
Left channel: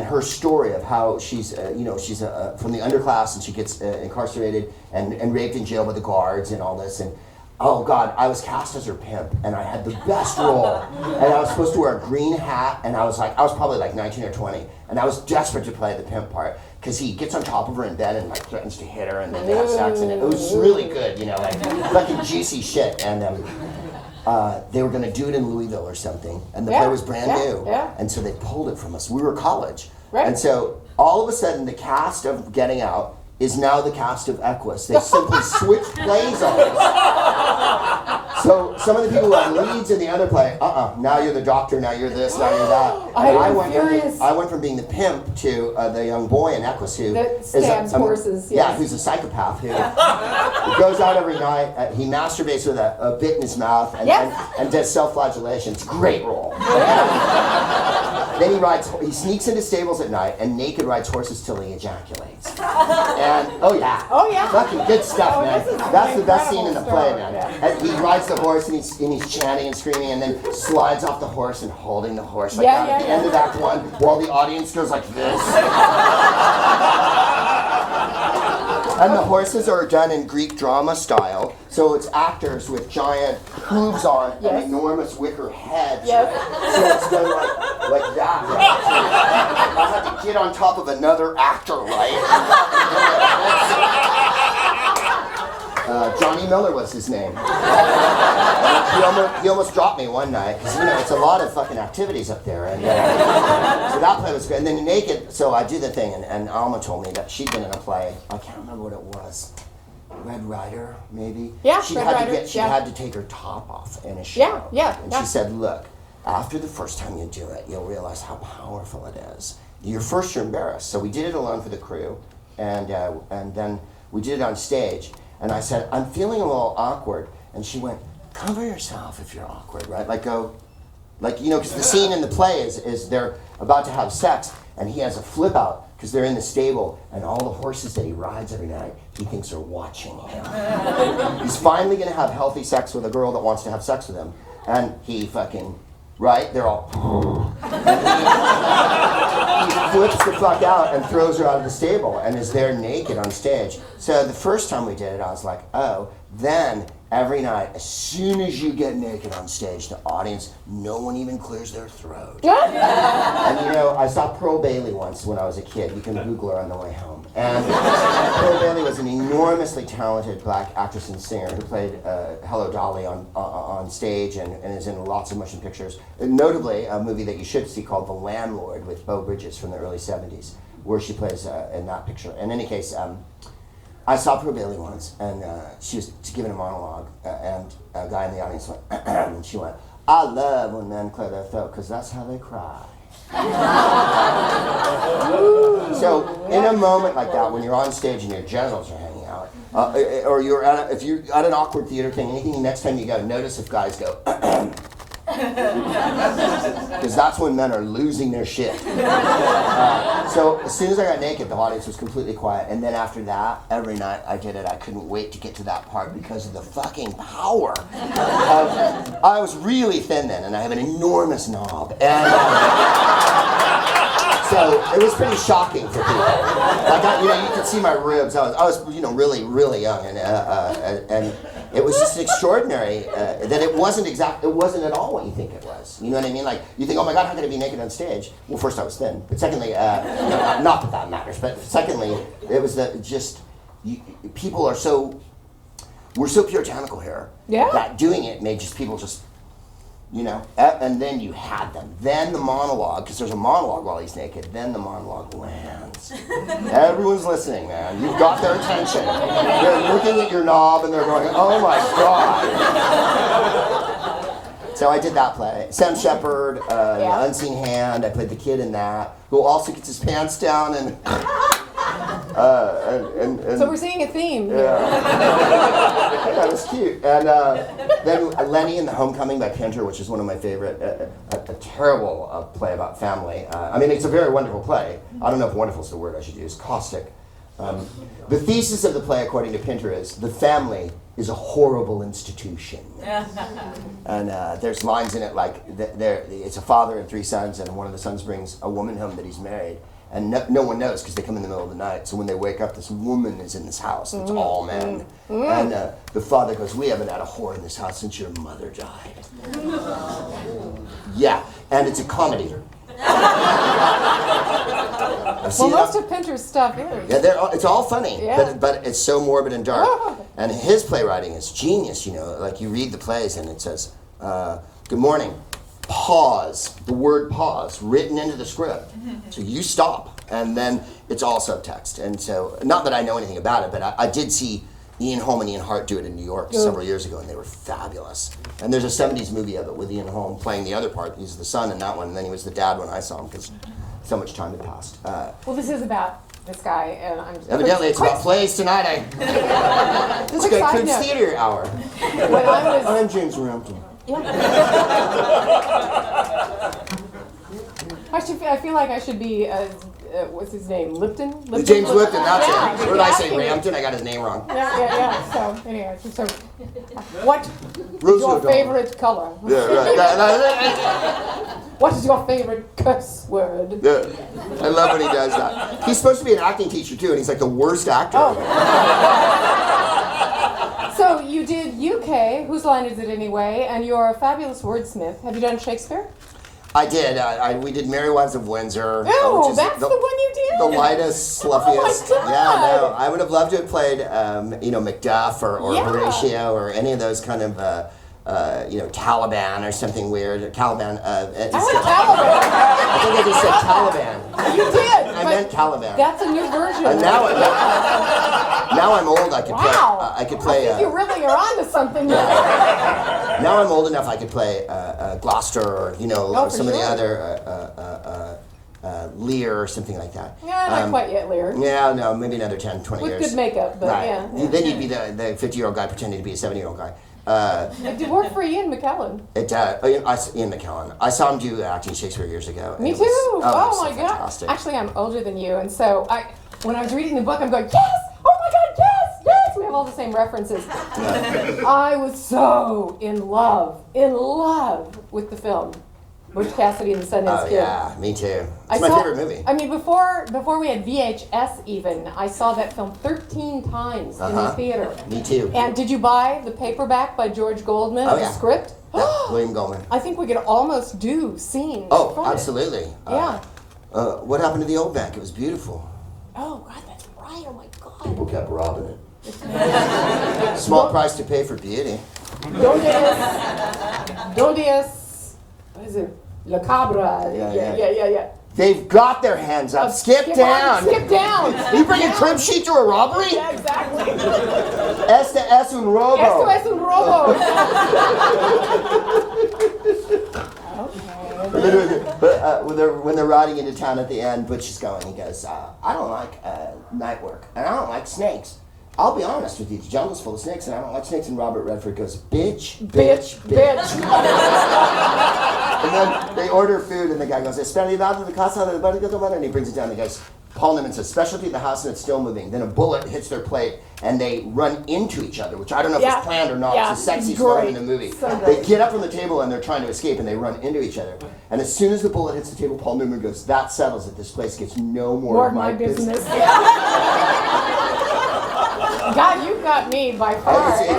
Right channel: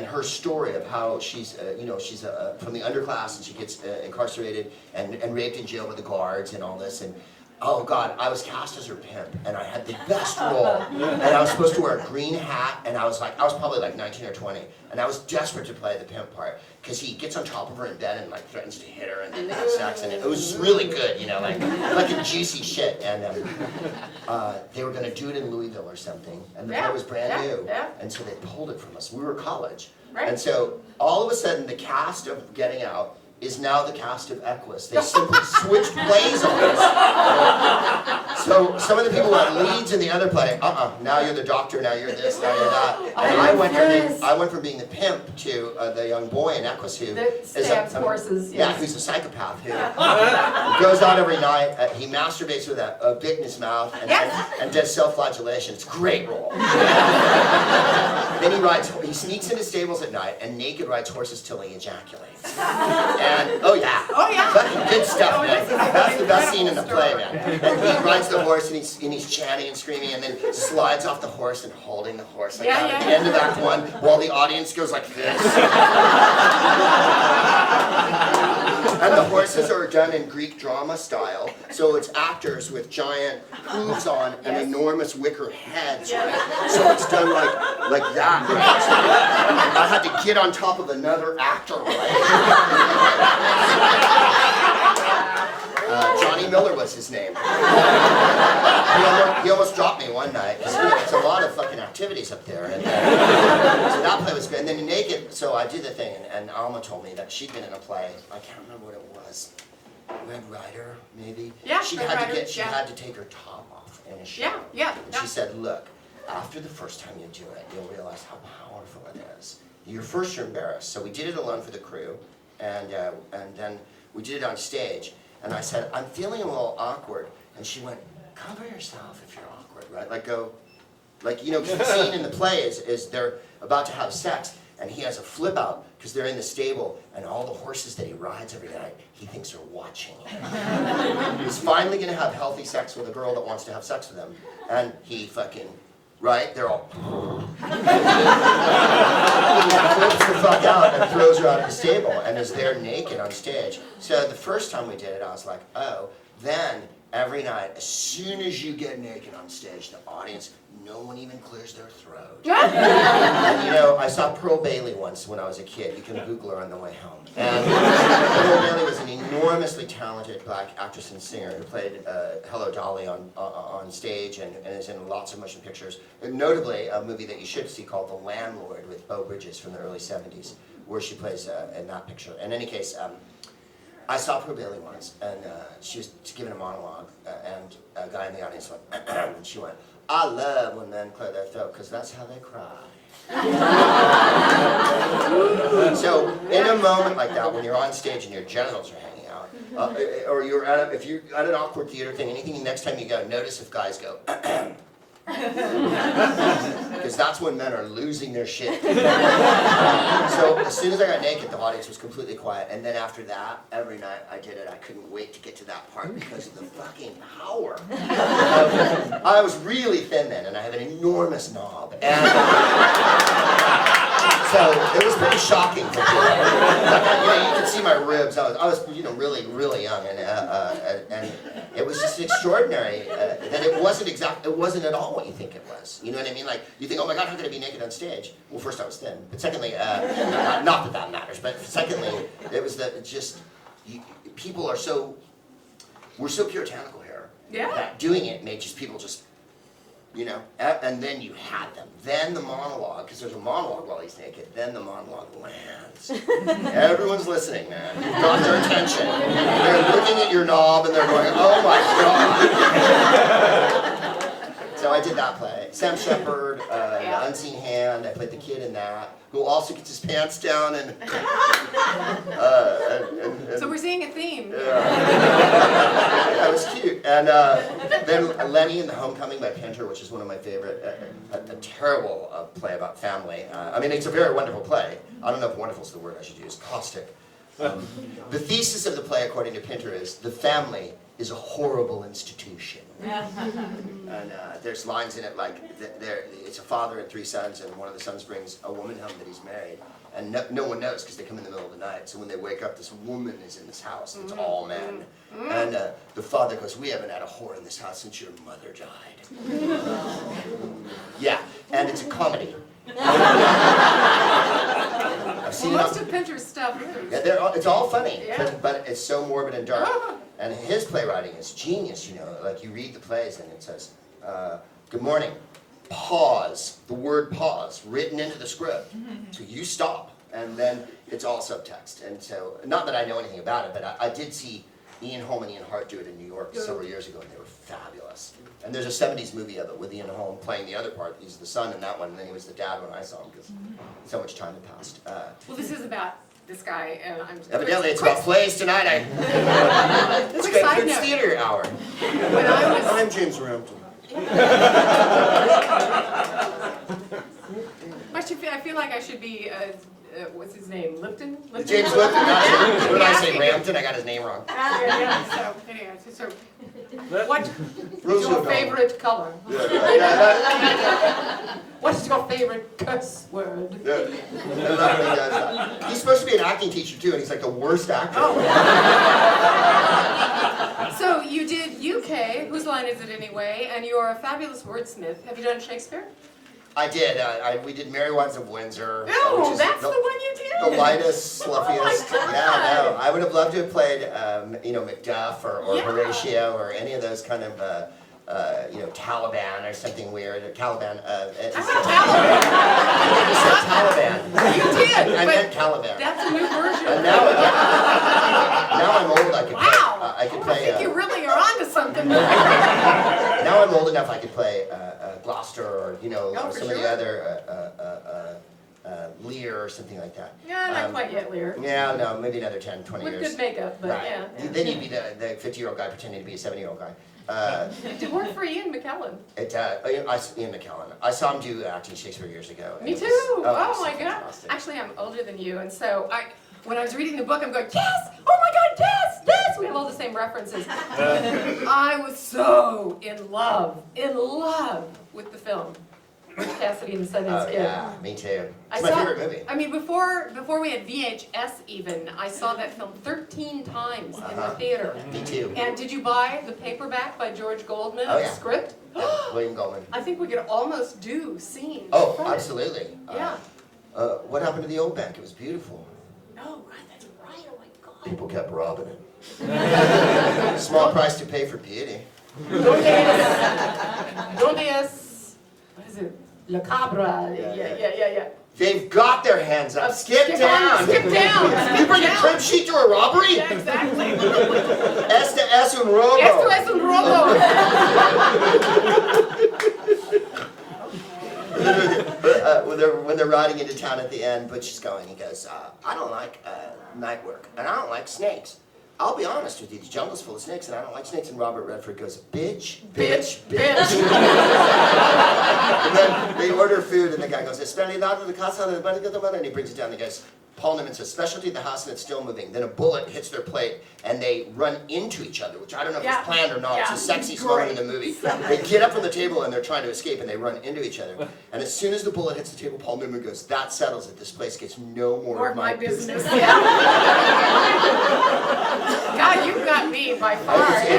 her story of how she's from the underclass, and she gets incarcerated and raped in jail by the guards and all this. And Oh God, I was cast as her pimp, and I had the best role. And I was supposed to wear a green hat, and I was probably like 19 or 20, and I was desperate to play the pimp part, because he gets on top of her in bed and like threatens to hit her and then have sex, and it was really good, you know, like a juicy shit. And they were gonna do it in Louisville or something, and the play was brand new, and so they pulled it from us. We were college, and so all of a sudden the cast of Getting Out is now the cast of Equus. They simply switched plays on us. So some of the people who had leads in the other play, now you're the doctor, now you're this, now you're that. And I went from being the pimp to the young boy in Equus who stabs horses. Yeah, who's a psychopath who goes out every night. He masturbates with a bit in his mouth and does self-flagellation. It's a great role. Then he sneaks into stables at night and naked rides horses till he ejaculates. And fucking good stuff, man. That's the best scene in the play, man. And he rides the horse and he's chanting and screaming, and then slides off the horse and holding the horse like at the end of Act 1, while the audience goes like this. And the horses are done in Greek drama style, so it's actors with giant hooves on and enormous wicker heads, right? So it's done like that. Right? I had to get on top of another actor, right? Johnny Miller was his name. He almost dropped me one night, because it's a lot of fucking activities up there. And so that play was great. And then Naked, so I do the thing, and Alma told me that she'd been in a play, I can't remember what it was, Red Rider, maybe? Yeah, she Red had Rider, to She had to take her top off in a show. And she said, look, after the first time you do it, you'll realize how powerful it is. You're embarrassed. So we did it alone for the crew, and then we did it on stage. And I said, I'm feeling a little awkward. And she went, cover yourself if you're awkward, right? Because the scene in the play is they're about to have sex, and he has a flip out, because they're in the stable, and all the horses that he rides every night, he thinks are watching him. He's finally gonna have healthy sex with a girl that wants to have sex with him. And he fucking, right? They're all, he flips the fuck out and throws her out of the stable and is there naked on stage. So the first time we did it, I was like, oh, then every night, as soon as you get naked on stage, the audience, no one even clears their throat. And I saw Pearl Bailey once when I was a kid. You can Google her on the way home. And Pearl Bailey was an enormously talented black actress and singer who played Hello Dolly on stage and is in lots of motion pictures. And notably, a movie that you should see called The Landlord with Beau Bridges from the early 70s, where she plays in that picture. In any case, I saw Pearl Bailey once, and she was giving a monologue, and a guy in the audience went, and she went, I love when men clear their throat, because that's how they cry. So, in a moment like that, when you're on stage and your genitals are hanging out, or if you're at an awkward theater thing, anything, next time you go, notice if guys go, because that's when men are losing their shit. So as soon as I got naked, the audience was completely quiet. And then after that, every night I did it. I couldn't wait to get to that part because of the fucking power. I was really thin then, and I have an enormous knob. And so it was pretty shocking for people. You could see my ribs. I was really, really young, and it was just extraordinary that it wasn't at all what you think it was. You know what I mean? Like, you think, oh my God, how could I be naked on stage? Well, first I was thin, but secondly, not that that matters, but secondly, it was that people are we're so puritanical here, that doing it made people just, and then you had them. Then the monologue, because there's a monologue while he's naked, then the monologue lands. Everyone's listening, man. You've got their attention. They're looking at your knob and they're going, oh my God. So I did that play. Sam Shepard, Unseen Hand, I played the kid in that, who also gets his pants down and so we're seeing a theme. Yeah, it was cute. And then Lenny and the Homecoming by Pinter, which is one of my favorite, a terrible play about family. It's a very wonderful play. I don't know if wonderful is the word I should use. Caustic. The thesis of the play, according to Pinter, is the family is a horrible institution. And there's lines in it like, it's a father and 3 sons, and one of the sons brings a woman home that he's married. And no one knows because they come in the middle of the night. So when they wake up, this woman is in this house. It's all men. And the father goes, "We haven't had a whore in this house since your mother died." Yeah, and it's a comedy. Well, most of Pinter's stuff is. Yeah, it's all funny, Yeah. but it's so morbid and dark. And his playwriting is genius, you know. Like you read the plays and it says, "Good morning, pause," the word pause, written into the script. So you stop, and then it's all subtext. And so, not that I know anything about it, but I did see Ian Holm and Ian Hart do it in New York several years ago, and they were fabulous. And there's a 70s movie of it with Ian Holm playing the other part. He's the son in that one, and then he was the dad when I saw him, because so much time had passed. Well, this is about this guy, and I'm just... Evidently, it's about plays tonight. Let's go to theater hour. When I was... I'm James Rampton. I feel like I should be, what's his name, Lipton? James Lipton, that's it. What did I say, Yeah. Rampton? I got his name wrong. Yeah. So, anyway, so what is Rosie your O'Donnell. favorite color? Yeah, right. What is your favorite curse word? Yeah. I love when he does that. He's supposed to be an acting teacher, too, and he's like the worst actor. Oh. So you did UK, whose line is it anyway? And you're a fabulous wordsmith. Have you done Shakespeare? I did. We did Merry Wives of Windsor. Oh, which is that's the one you did? The lightest, sluffiest. Oh my God. Yeah, no. I would have loved to have played, Macduff or Yeah. Horatio or any of those kind of, Taliban or something weird. Caliban. I like Taliban. I think I just said Taliban. You did. I meant Caliban. That's a new version. And now I'm old. I could play. Wow. I could play. I think you really are onto something there. Now I'm old enough. I could play Gloucester or for some of the sure. other Lear or something like that. Yeah, not quite yet, Lear. Yeah, no, maybe another 10, 20 With years. good makeup, but Right. yeah. Then you'd be the 50-year-old guy pretending to be a 70-year-old guy. It did work for Ian McKellen. Ian McKellen. I saw him do acting Shakespeare years ago. Me It too. was- it was Oh my God. fantastic. Actually, I'm older than you, and so when I was reading the book, I'm going, yes! Oh my God, yes! Yes! We have all the same references. I was so in love with the film, Butch Cassidy and the Sundance Oh Kid. yeah, me too. I It's my saw- favorite movie. I mean, before we had VHS even, I saw that film 13 times in the theater. Me too. And did you buy the paperback by George Goldman, Oh, the yeah. script? William Goldman. I think we could almost do scenes. Oh, from it. absolutely. Yeah. What happened to the old bank? It was beautiful. Oh, God, that's right. Oh, my God. People kept robbing it. Small price to pay for beauty. Donde es, what is it? La Cabra. Yeah. They've got their hands up. Skip down. Skip down. You bring a crib sheet to a robbery? Yeah, exactly. Este es un robo. Esto es un robo. When they're riding into town at the end, Butch is going, he goes, I don't like night work, and I don't like snakes. I'll be honest with you, the jungle's full of snakes, and I don't like snakes. And Robert Redford goes, bitch. And then they order food, and the guy goes, Especialidad de casa del barrio, and he brings it down, and he goes, Paul Newman says, specialty of the house, and it's still moving. Then a bullet hits their plate, and they run into each other, which I don't know if it's planned or not. Yeah. It's a sexy Great. story in the movie. So They great. get up from the table, and they're trying to escape, and they run into each other. And as soon as the bullet hits the table, Paul Newman goes, that settles it. This place gets no more of my business. Yeah. God, you've got me by far. He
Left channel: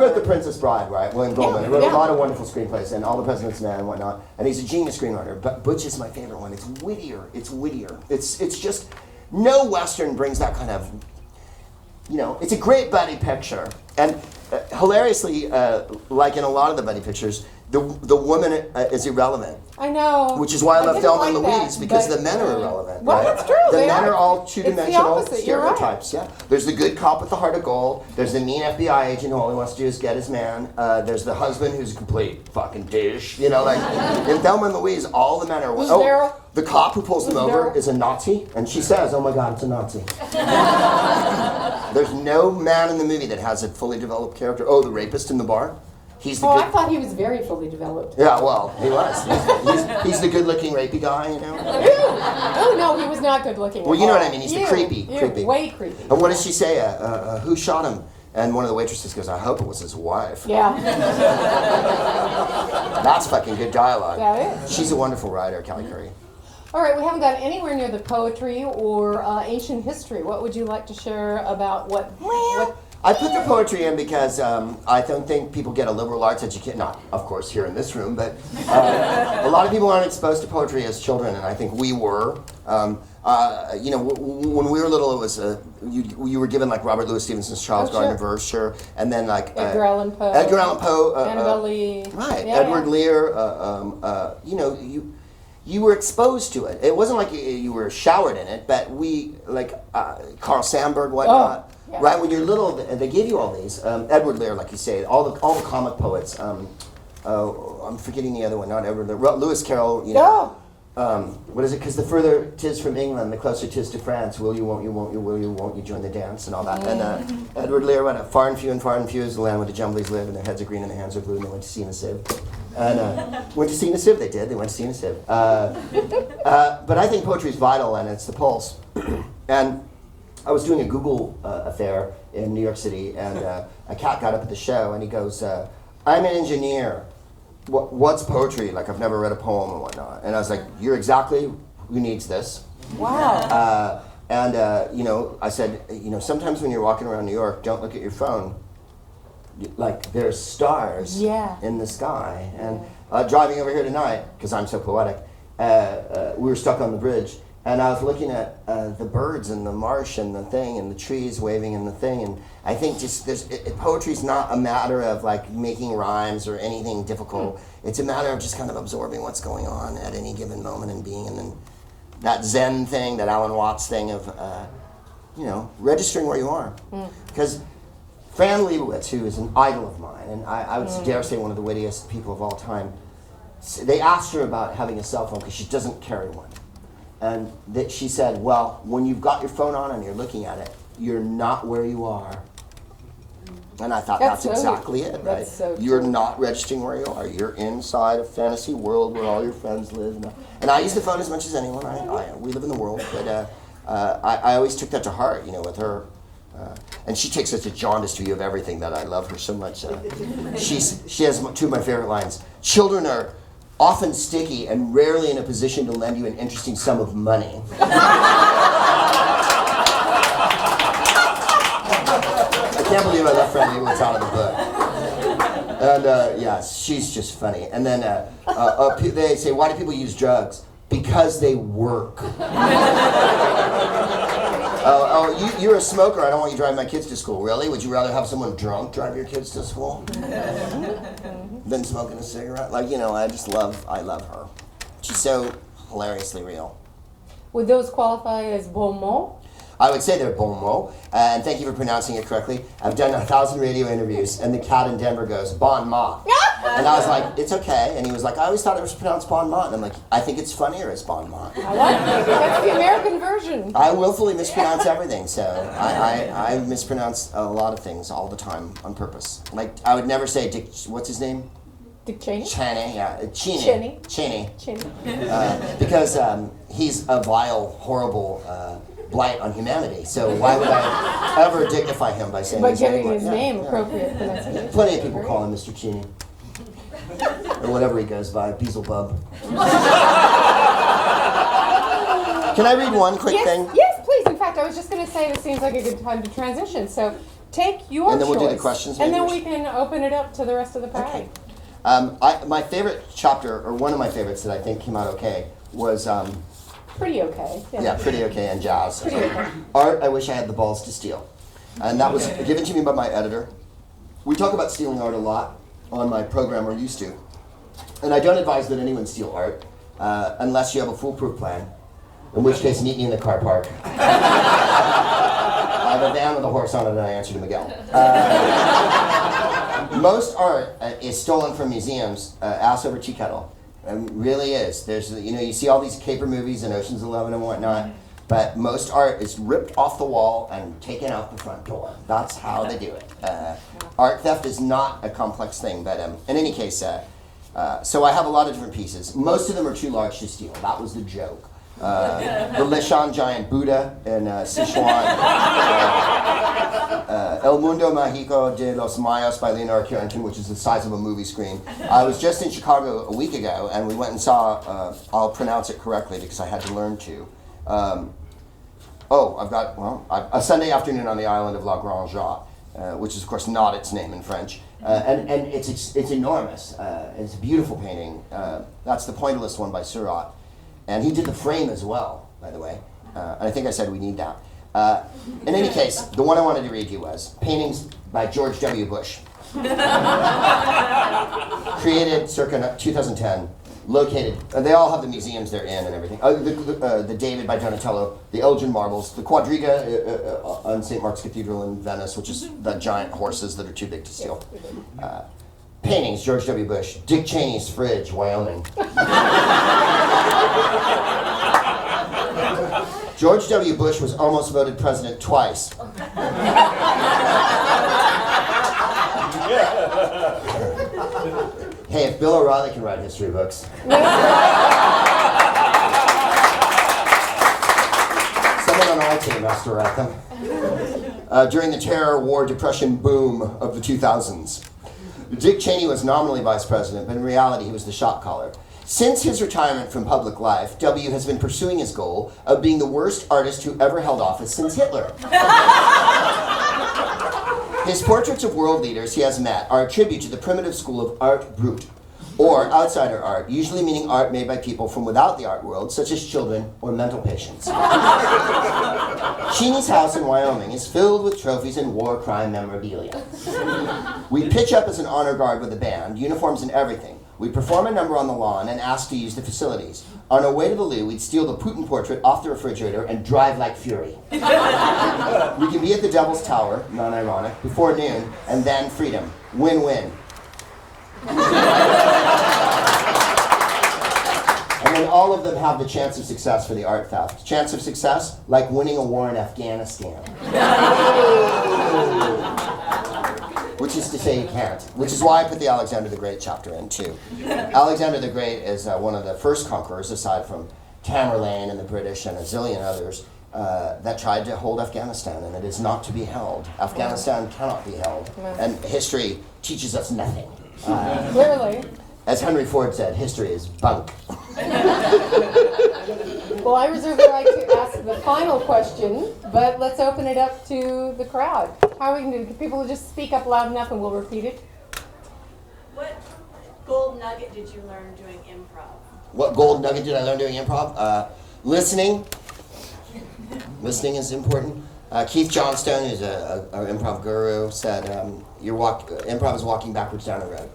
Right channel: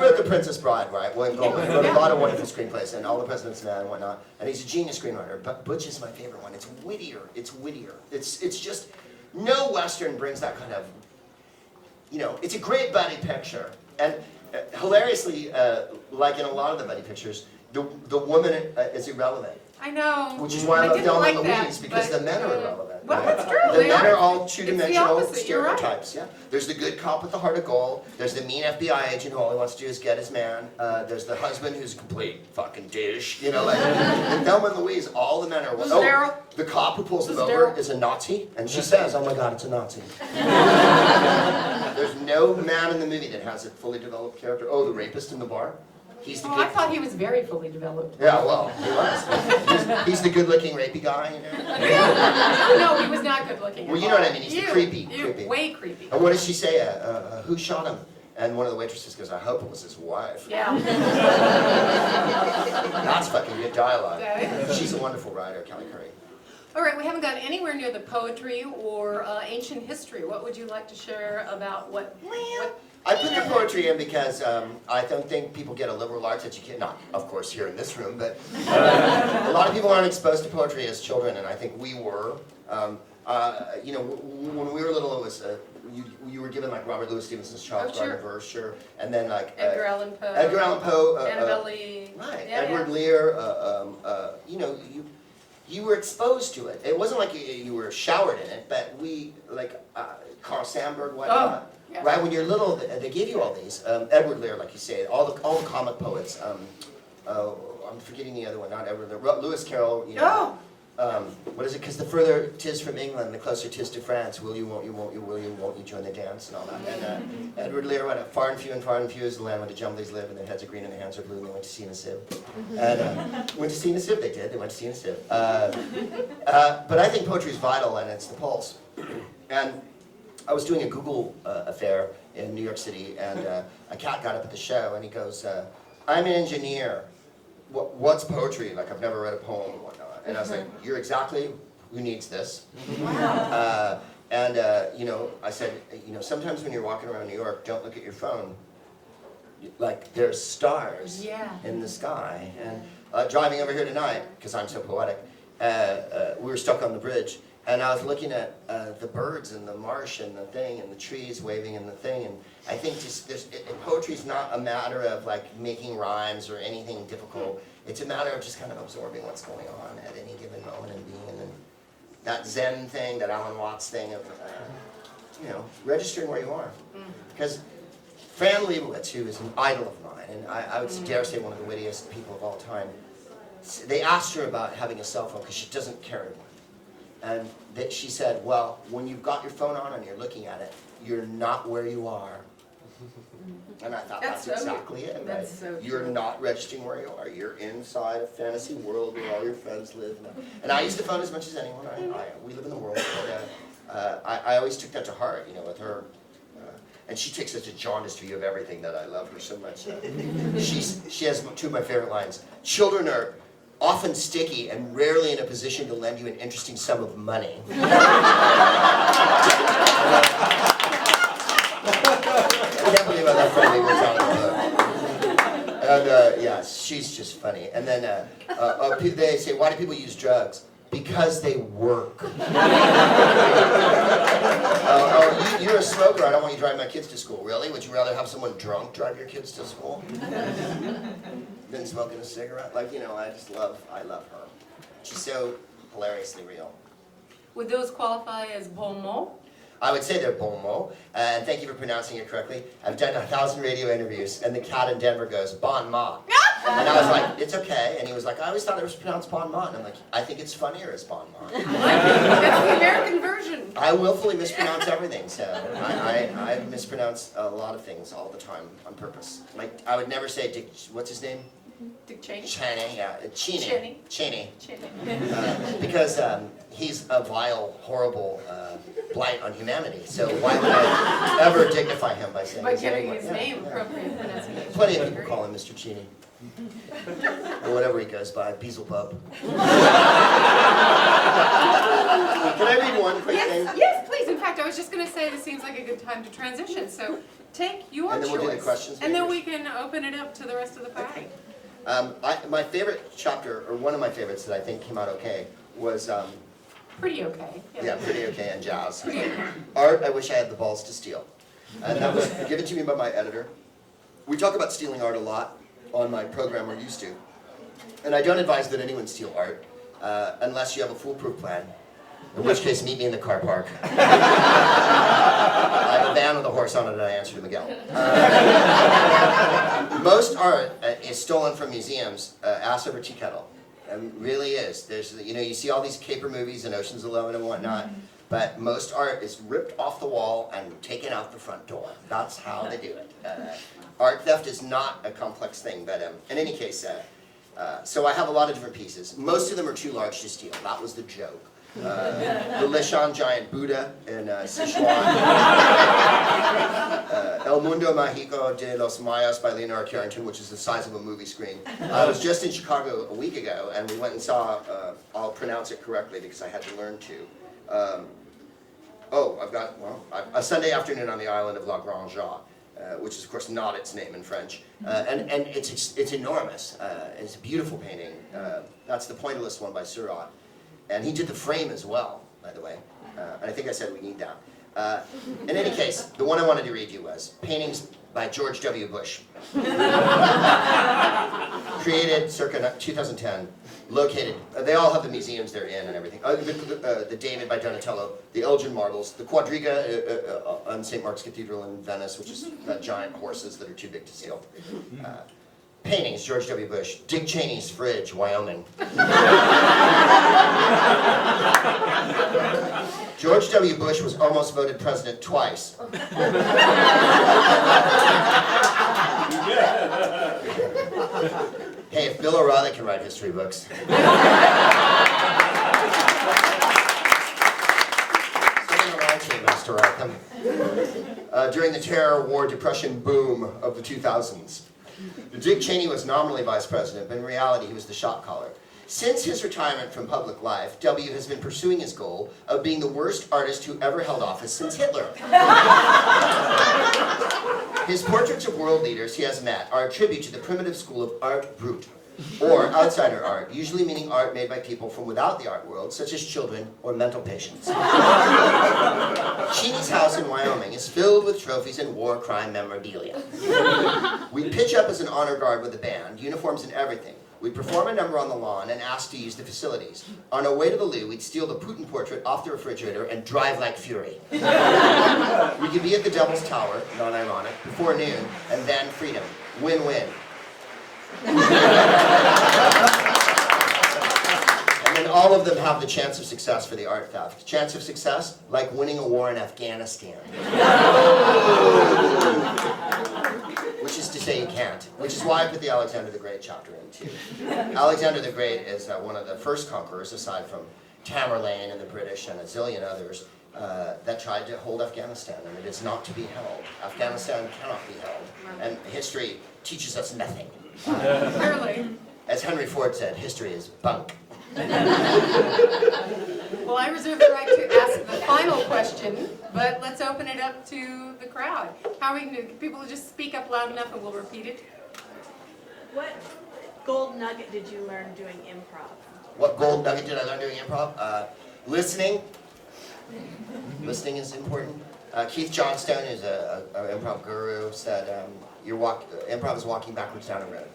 wrote The Princess Bride, right? William Goldman. He wrote a lot of wonderful screenplays, and All the President's Men and whatnot. And he's a genius screenwriter. But Butch is my favorite one. It's wittier. It's just, no Western brings that kind of, it's a great buddy picture. And hilariously, like in a lot of the buddy pictures, the woman is irrelevant. I know. Which is why I love didn't Thelma and like that, Louise, because but, the men are irrelevant. Well, right? that's true. The they men are all It's the two-dimensional opposite, you're right. stereotypes. Yeah. There's the good cop with the heart of gold. There's the mean FBI agent who all he wants to do is get his man. There's the husband who's a complete fucking douche. In Thelma and Louise, all the men are. Was Daryl? The cop who pulls them Was over Daryl? is a Nazi, and she says, "Oh my God, it's a Nazi." There's no man in the movie that has a fully developed character. Oh, the rapist in the bar. He's the Oh, good. I thought he was very fully developed. Yeah, well, he was. He's the good-looking rapey guy, Oh, no, he was not good looking. Well, you know what I mean. He's the creepy. Way creepy. And what does she say? Who shot him? And one of the waitresses goes, I hope it was his wife. Yeah. That's fucking good dialogue. That is. She's a wonderful writer, Kelly Curry. All right, we haven't gotten anywhere near the poetry or ancient history. What would you like to share about what I put the poetry in because I don't think people get a liberal arts education, not, of course, here in this room, but a lot of people aren't exposed to poetry as children, and I think we were. You know, when we were little, it was you were given like Robert Louis Stevenson's Charles Gardner verse, sure, and then like Edgar Allan Poe, Annabelle Lee, right, yeah, Edward Lear. You know, you were exposed to it. It wasn't like you were showered in it, but we like Carl Sandburg, whatnot. Yeah. Right, when you're little, they gave you all these. Edward Lear, like you say, all the comic poets. I'm forgetting the other one, not Edward Lear. Lewis Carroll. You know, what is it? Because the further 'tis from England, the closer 'tis to France. Will you, won't you, won't you, will you, won't you join the dance and all that. And Edward Lear wrote, far and few is the land where the Jumblies live, and their heads are green and their hands are blue, and they went to sea in a sieve. And went to sea in a sieve, they did. They went to sea in a sieve. But I think poetry is vital, and it's the pulse. And I was doing a Google affair in New York City, and a cat got up at the show, and he goes, I'm an engineer. What's poetry? Like, I've never read a poem and whatnot. And I was like, you're exactly who needs this. Wow. You know, I said, you know, sometimes when you're walking around New York, don't look at your phone. Like, there's stars in the sky. And driving over here tonight, because I'm so poetic, we were stuck on the bridge. And I was looking at the birds and the marsh and the thing and the trees waving and the thing, and I think just poetry's not a matter of like making rhymes or anything difficult. It's a matter of just kind of absorbing what's going on at any given moment and being in that Zen thing, that Alan Watts thing of you know, registering where you are. Because Fran Lebowitz, who is an idol of mine, and I would dare say one of the wittiest people of all time, they asked her about having a cell phone because she doesn't carry one. And that she said, well, when you've got your phone on and you're looking at it, you're not where you are. And I thought that's exactly it, right? So you're not registering where you are. You're inside a fantasy world where all your friends live. And I use the phone as much as anyone. We live in the world. But I always took that to heart, you know, with her. And she takes such a jaundiced view of everything that I love her so much. She has two of my favorite lines. Children are often sticky and rarely in a position to lend you an interesting sum of money. I can't believe I left Fran Lebowitz out of the book. And yeah, she's just funny. And then they say, why do people use drugs? Because they work. You're a smoker. I don't want you driving my kids to school. Really? Would you rather have someone drunk drive your kids to school than smoking a cigarette? Like, you know, I love her. She's so hilariously real. Would those qualify as bon mot? I would say they're bon mot, and thank you for pronouncing it correctly. I've done 1,000 radio interviews, and the cat in Denver goes, bon mot. And I was like, it's okay. And he was like, I always thought it was pronounced bon mot. And I'm like, I think it's funnier as bon mot. I like it. That's the American version. I willfully mispronounce everything, so I mispronounce a lot of things all the time on purpose. Like, I would never say Dick, what's his name? Dick Cheney? Cheney, yeah. Cheney. Cheney. Cheney. Because he's a vile, horrible blight on humanity. So why would I ever dignify him by saying By his name? giving his name appropriate pronunciation. Plenty of people call him Mr. Cheney. Or whatever he goes by, Beelzebub. Can I read one quick thing? Yes, please. In fact, I was just going to say this seems like a good time to transition. So take your choice. And then we'll do the questions. And then maybe? we can open it up to the rest of the party. Okay. My favorite chapter, or one of my favorites that I think came out okay, was Pretty okay. yeah, Pretty Okay and Jazz. Pretty okay. Art I Wish I Had the Balls to Steal. And that was given to me by my editor. We talk about stealing art a lot on my program, or used to. And I don't advise that anyone steal art unless you have a foolproof plan, in which case meet me in the car park. I have a van with a horse on it and I answer to Miguel. Most art is stolen from museums, ass over tea kettle. Really is. There's, you know, you see all these caper movies and Ocean's 11 and whatnot, but most art is ripped off the wall and taken out the front door. That's how they do it. Art theft is not a complex thing, but in any case, so I have a lot of different pieces. Most of them are too large to steal. That was the joke. The Lishan giant Buddha in Sichuan. El Mundo Mágico de los Mayas by Leonardo Carrington, which is the size of a movie screen. I was just in Chicago a week ago, and we went and saw, I'll pronounce it correctly because I had to learn to. I've got, a Sunday afternoon on the island of La Grande Jatte, which is of course not its name in French. And it's enormous. It's a beautiful painting. That's the Pointillist one by Seurat. And he did the frame as well, by the way. And I think I said we need that. In any case, the one I wanted to read you was Paintings by George W. Bush. Created circa 2010, located, they all have the museums they're in and everything. The David by Donatello, the Elgin marbles, the Quadriga on St. Mark's Cathedral in Venice, which is the giant horses that are too big to steal. Paintings, George W. Bush, Dick Cheney's fridge, Wyoming. George W. Bush was almost voted president twice. Hey, if Bill O'Reilly can write history books. Someone on our team has to write them. During the terror, war, depression boom of the 2000s. Dick Cheney was nominally vice president, but in reality he was the shot caller. Since his retirement from public life, W has been pursuing his goal of being the worst artist who ever held office since Hitler. His portraits of world leaders he has met are a tribute to the primitive school of art brut, or outsider art, usually meaning art made by people from without the art world, such as children or mental patients. Cheney's house in Wyoming is filled with trophies and war crime memorabilia. We pitch up as an honor guard with a band, uniforms and everything. We perform a number on the lawn and ask to use the facilities. On our way to the loo, we'd steal the Putin portrait off the refrigerator and drive like fury. We could be at the Devil's Tower, non-ironic, before noon, and then freedom. Win-win. And then all of them have the chance of success for the art theft. Chance of success, like winning a war in Afghanistan. Which is to say you can't. Which is why I put the Alexander the Great chapter in too. Alexander the Great is one of the first conquerors, aside from Tamerlane and the British and a zillion others, that tried to hold Afghanistan, and it is not to be held. Afghanistan cannot be held, and history teaches us nothing. Clearly. As Henry Ford said, history is bunk. Well, I reserve the right to ask the final question, but let's open it up to the crowd. How are we going to do? People just speak up loud enough and we'll repeat it. What gold nugget did you learn doing improv? What gold nugget did I learn doing improv? Listening. Listening is important. Keith Johnstone, who's an improv guru, said improv is walking backwards down a road.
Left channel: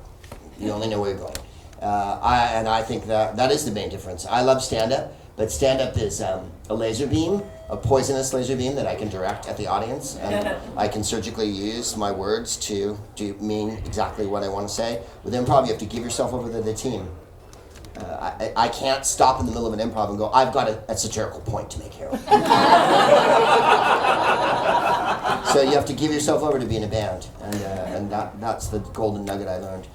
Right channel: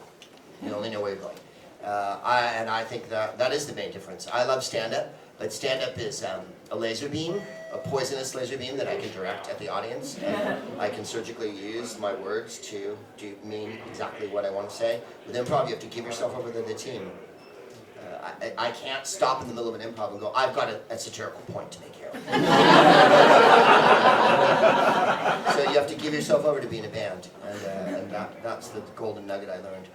You only know where you're going. I think that is the main difference. I love stand-up, but stand-up is a laser beam, a poisonous laser beam that I can direct at the audience, and I can surgically use my words to mean exactly what I want to say. With improv, you have to give yourself over to the team. I can't stop in the middle of an improv and go, I've got a satirical point to make here. So you have to give yourself over to being a band, and that's the golden nugget I learned.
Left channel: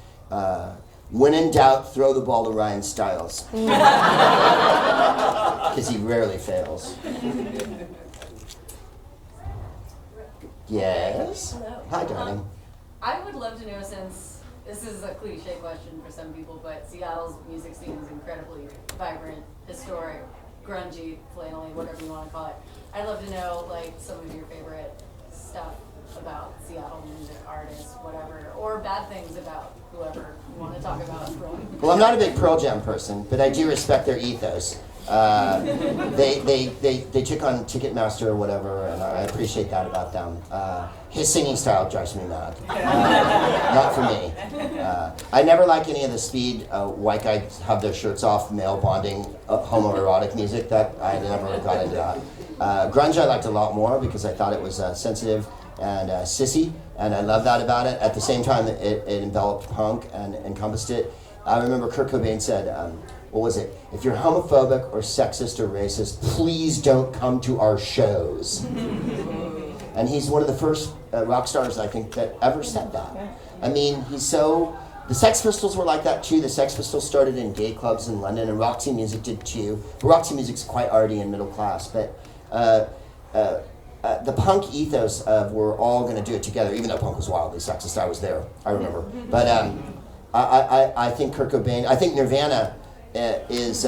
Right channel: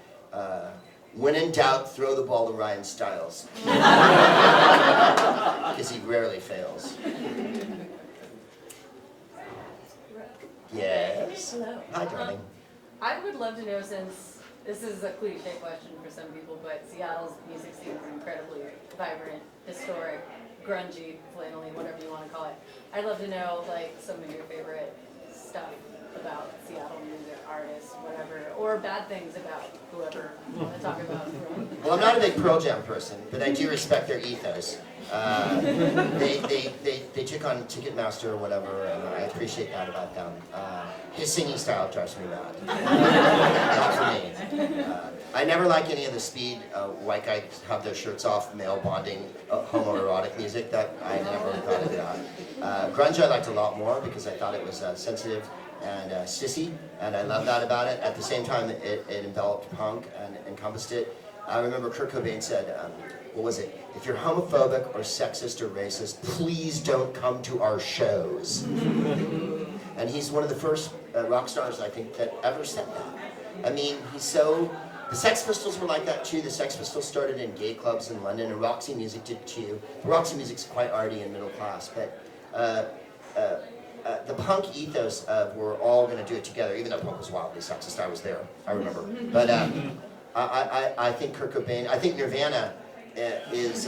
When in doubt, throw the ball to Ryan Stiles. Because he rarely fails. Yes? Hello. Hi, darling. I would love to know, since this is a cliche question for some people, but Seattle's music scene is incredibly vibrant, historic, grungy, flannelly, whatever you want to call it. I'd love to know, like, some of your favorite stuff about Seattle music artists, whatever, or bad things about whoever you want to talk about. Well, I'm not a big Pearl Jam person, but I do respect their ethos. They took on Ticketmaster or whatever, and I appreciate that about them. His singing style drives me mad. Not for me. I never like any of the speed, white guys have their shirts off, male bonding, homoerotic music. That I never got into that. Grunge I liked a lot more because I thought it was sensitive and sissy, and I love that about it. At the same time, it enveloped punk and encompassed it. I remember Kurt Cobain said, what was it? If you're homophobic or sexist or racist, please don't come to our shows. And he's one of the first rock stars, I think, that ever said that. I mean, the Sex Pistols were like that too. The Sex Pistols started in gay clubs in London, and Roxy Music did too. Roxy Music's quite arty and middle class, but the punk ethos of we're all going to do it together, even though punk was wildly sexist. I was there, I remember. But I think Kurt Cobain, I think Nirvana is,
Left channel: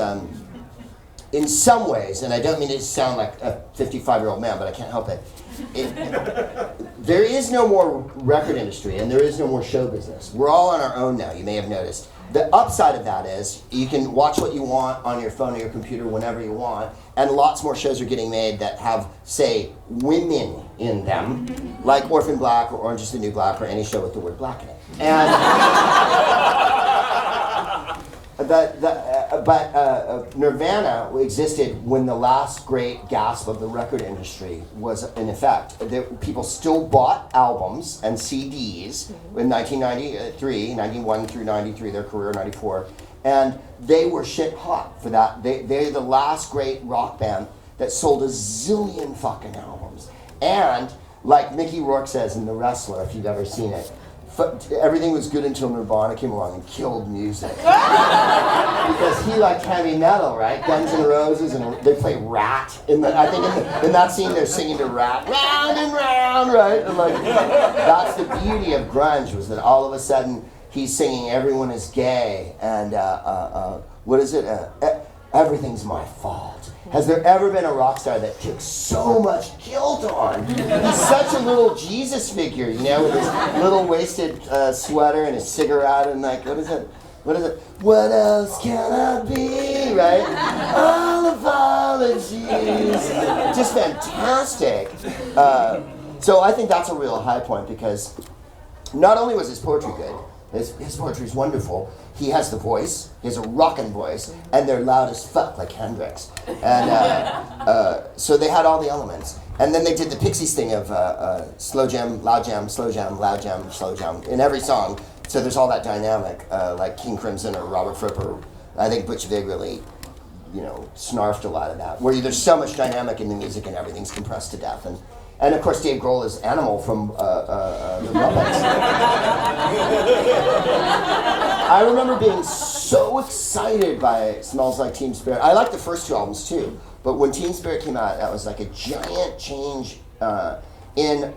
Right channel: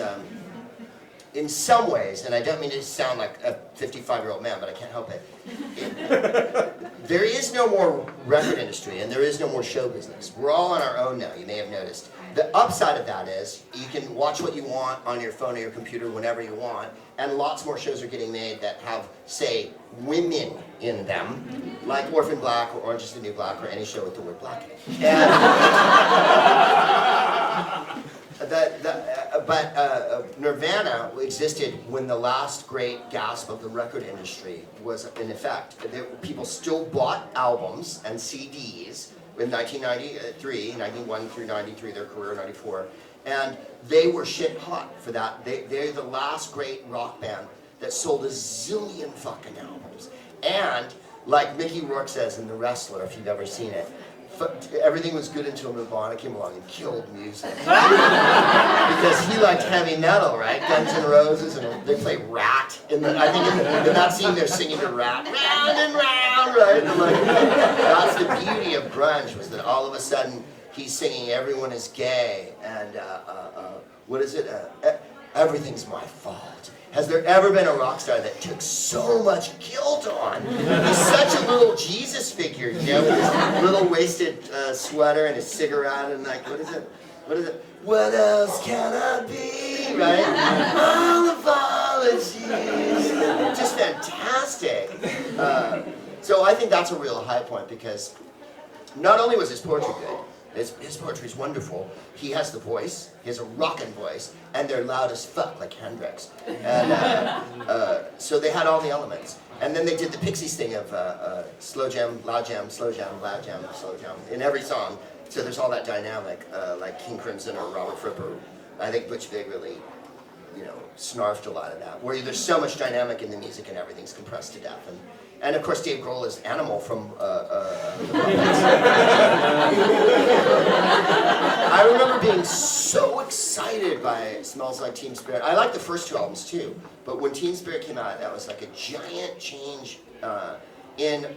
in some ways, and I don't mean to sound like a 55-year-old man, but I can't help it. There is no more record industry, and there is no more show business. We're all on our own now, you may have noticed. The upside of that is you can watch what you want on your phone or your computer whenever you want, and lots more shows are getting made that have, say, women in them, like Orphan Black or Orange is the New Black or any show with the word black in it. And but Nirvana existed when the last great gasp of the record industry was in effect. People still bought albums and CDs in 1993, 91 through 93, their career, 94. And they were shit hot for that. They're the last great rock band that sold a zillion fucking albums. And like Mickey Rourke says in The Wrestler, if you've ever seen it, everything was good until Nirvana came along and killed music. Because he liked heavy metal, right? Guns N' Roses, and they play Rat. I think in that scene they're singing to Rat, round and round, right? And like, that's the beauty of grunge, was that all of a sudden he's singing everyone is gay, and what is it? Everything's my fault. Has there ever been a rock star that took so much guilt on? He's such a little Jesus figure, you know, with his little wasted sweater and his cigarette and like, what is it? What else can I be, right? All apologies. Just fantastic. So I think that's a real high point, because not only was his poetry good, his poetry is wonderful. He has the voice, he has a rockin' voice, and they're loud as fuck, like Hendrix. And so they had all the elements. And then they did the Pixies thing of slow jam, loud jam, slow jam, loud jam, slow jam, in every song. So there's all that dynamic, like King Crimson or Robert Fripp, or I think Butch Vig really, snarfed a lot of that, where there's so much dynamic in the music and everything's compressed to death. And of course, Dave Grohl is Animal from Muppets. I remember being so excited by Smells Like Teen Spirit. I like the first two albums too, but when Teen Spirit came out, that was like a giant change in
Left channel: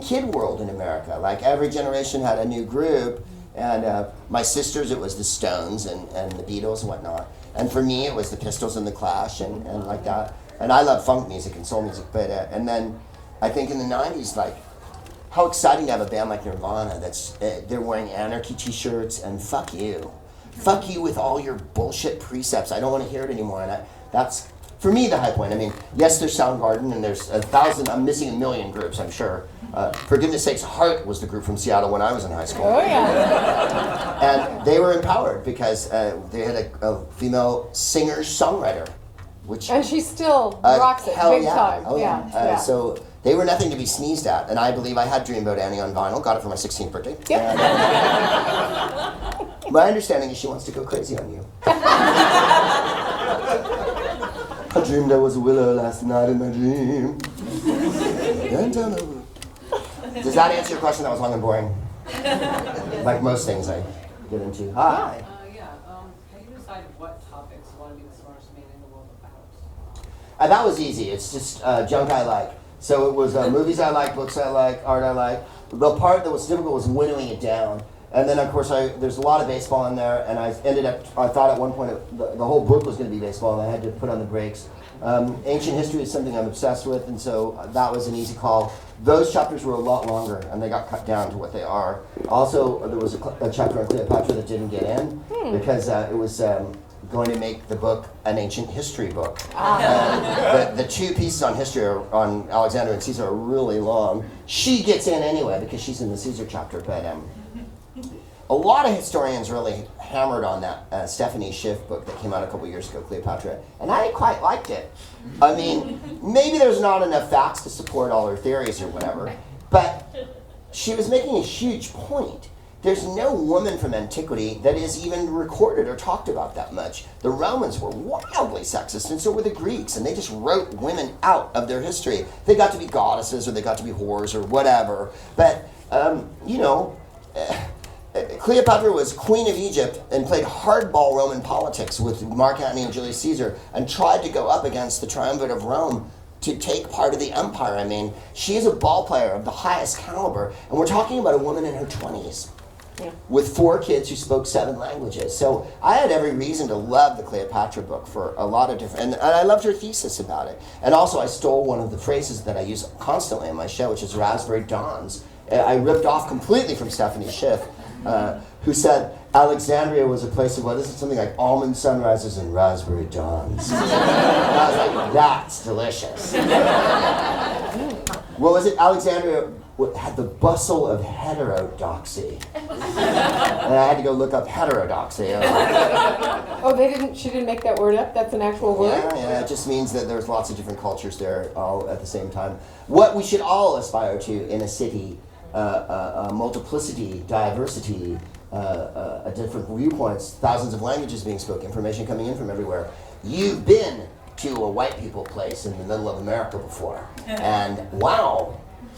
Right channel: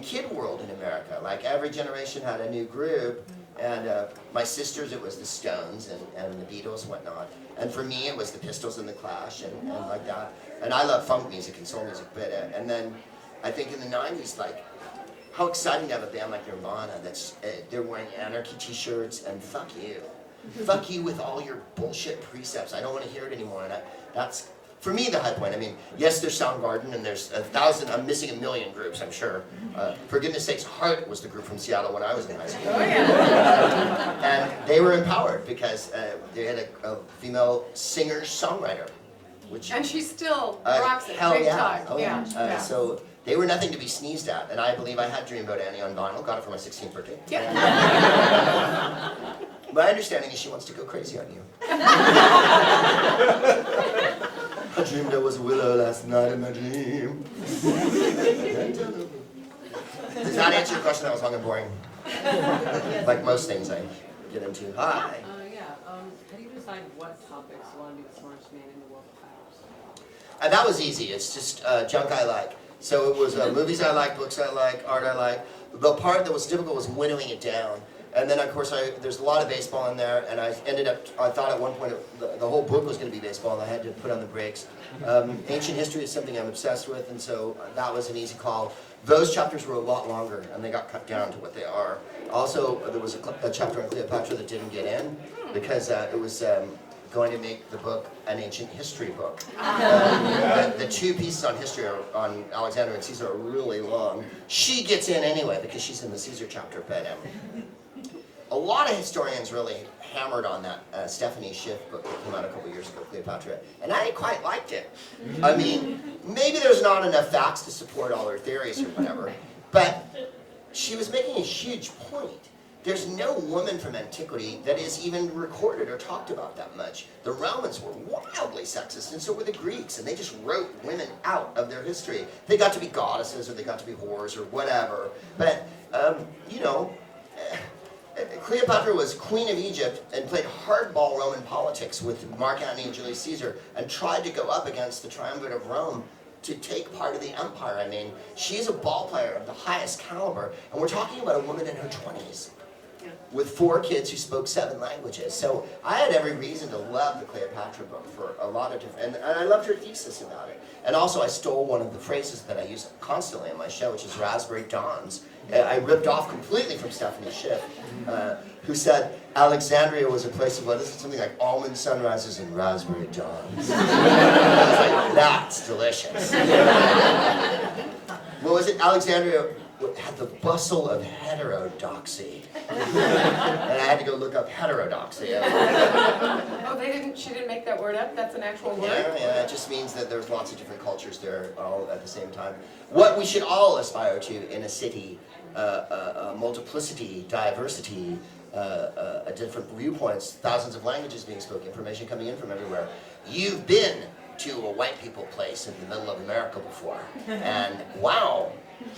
kid world in America. Like every generation had a new group, and my sisters, it was the Stones and the Beatles and whatnot. And for me, it was the Pistols and the Clash and like that. And I love funk music and soul music, but and then I think in the 90s, like, how exciting to have a band like Nirvana that's, they're wearing Anarchy t-shirts and fuck you. Fuck you with all your bullshit precepts. I don't want to hear it anymore. And that's, for me, the high point. I mean, yes, there's Soundgarden and there's 1,000, I'm missing a million groups, I'm sure. For goodness sakes, Heart was the group from Seattle when I was in high school. Oh, yeah. And they were empowered because they had a female singer-songwriter. And she still rocks it big time. Oh, yeah. So they were nothing to be sneezed at, and I believe I had Dreamboat Annie on vinyl, got it for my 16th birthday. Yep. My understanding is she wants to go crazy on you. I dreamed I was a willow last night in my dream. Does that answer your question? That was long and boring. Like most things I get into. Hi. How do you decide what topics you want to be the smartest man in the world about? That was easy. It's just junk I like. So it was movies I like, books I like, art I like. The part that was difficult was winnowing it down. And then, of course, there's a lot of baseball in there, and I thought at one point the whole book was going to be baseball, and I had to put on the brakes. Ancient history is something I'm obsessed with, and so that was an easy call. Those chapters were a lot longer, and they got cut down to what they are. Also, there was a chapter on Cleopatra that didn't get in, because it was going to make the book an ancient history book. The two pieces on history on Alexander and Caesar are really long. She gets in anyway because she's in the Caesar chapter, but a lot of historians really hammered on that Stephanie Schiff book that came out a couple years ago, Cleopatra, and I quite liked it. I mean, maybe there's not enough facts to support all her theories or whatever, but she was making a huge point. There's no woman from antiquity that is even recorded or talked about that much. The Romans were wildly sexist, and so were the Greeks, and they just wrote women out of their history. They got to be goddesses, or they got to be whores, or whatever. But, Cleopatra was queen of Egypt and played hardball Roman politics with Mark Antony and Julius Caesar and tried to go up against the triumvirate of Rome to take part of the empire. I mean, she is a ball player of the highest caliber, and we're talking about a woman in her 20s. Yeah. With 4 kids who spoke 7 languages. So I had every reason to love the Cleopatra book for a lot of different, and I loved her thesis about it. And also I stole one of the phrases that I use constantly on my show, which is raspberry dawns. I ripped off completely from Stephanie Schiff, who said Alexandria was a place of, what is it, something like almond sunrises and raspberry dawns. And I was like, that's delicious. What was it? Alexandria had the bustle of heterodoxy. And I had to go look up heterodoxy. Oh, she didn't make that word up? That's an actual word? Yeah, it just means that there's lots of different cultures there all at the same time. What we should all aspire to in a city, multiplicity, diversity, different viewpoints, thousands of languages being spoken, information coming in from everywhere. You've been to a white people place in the middle of America before, and wow.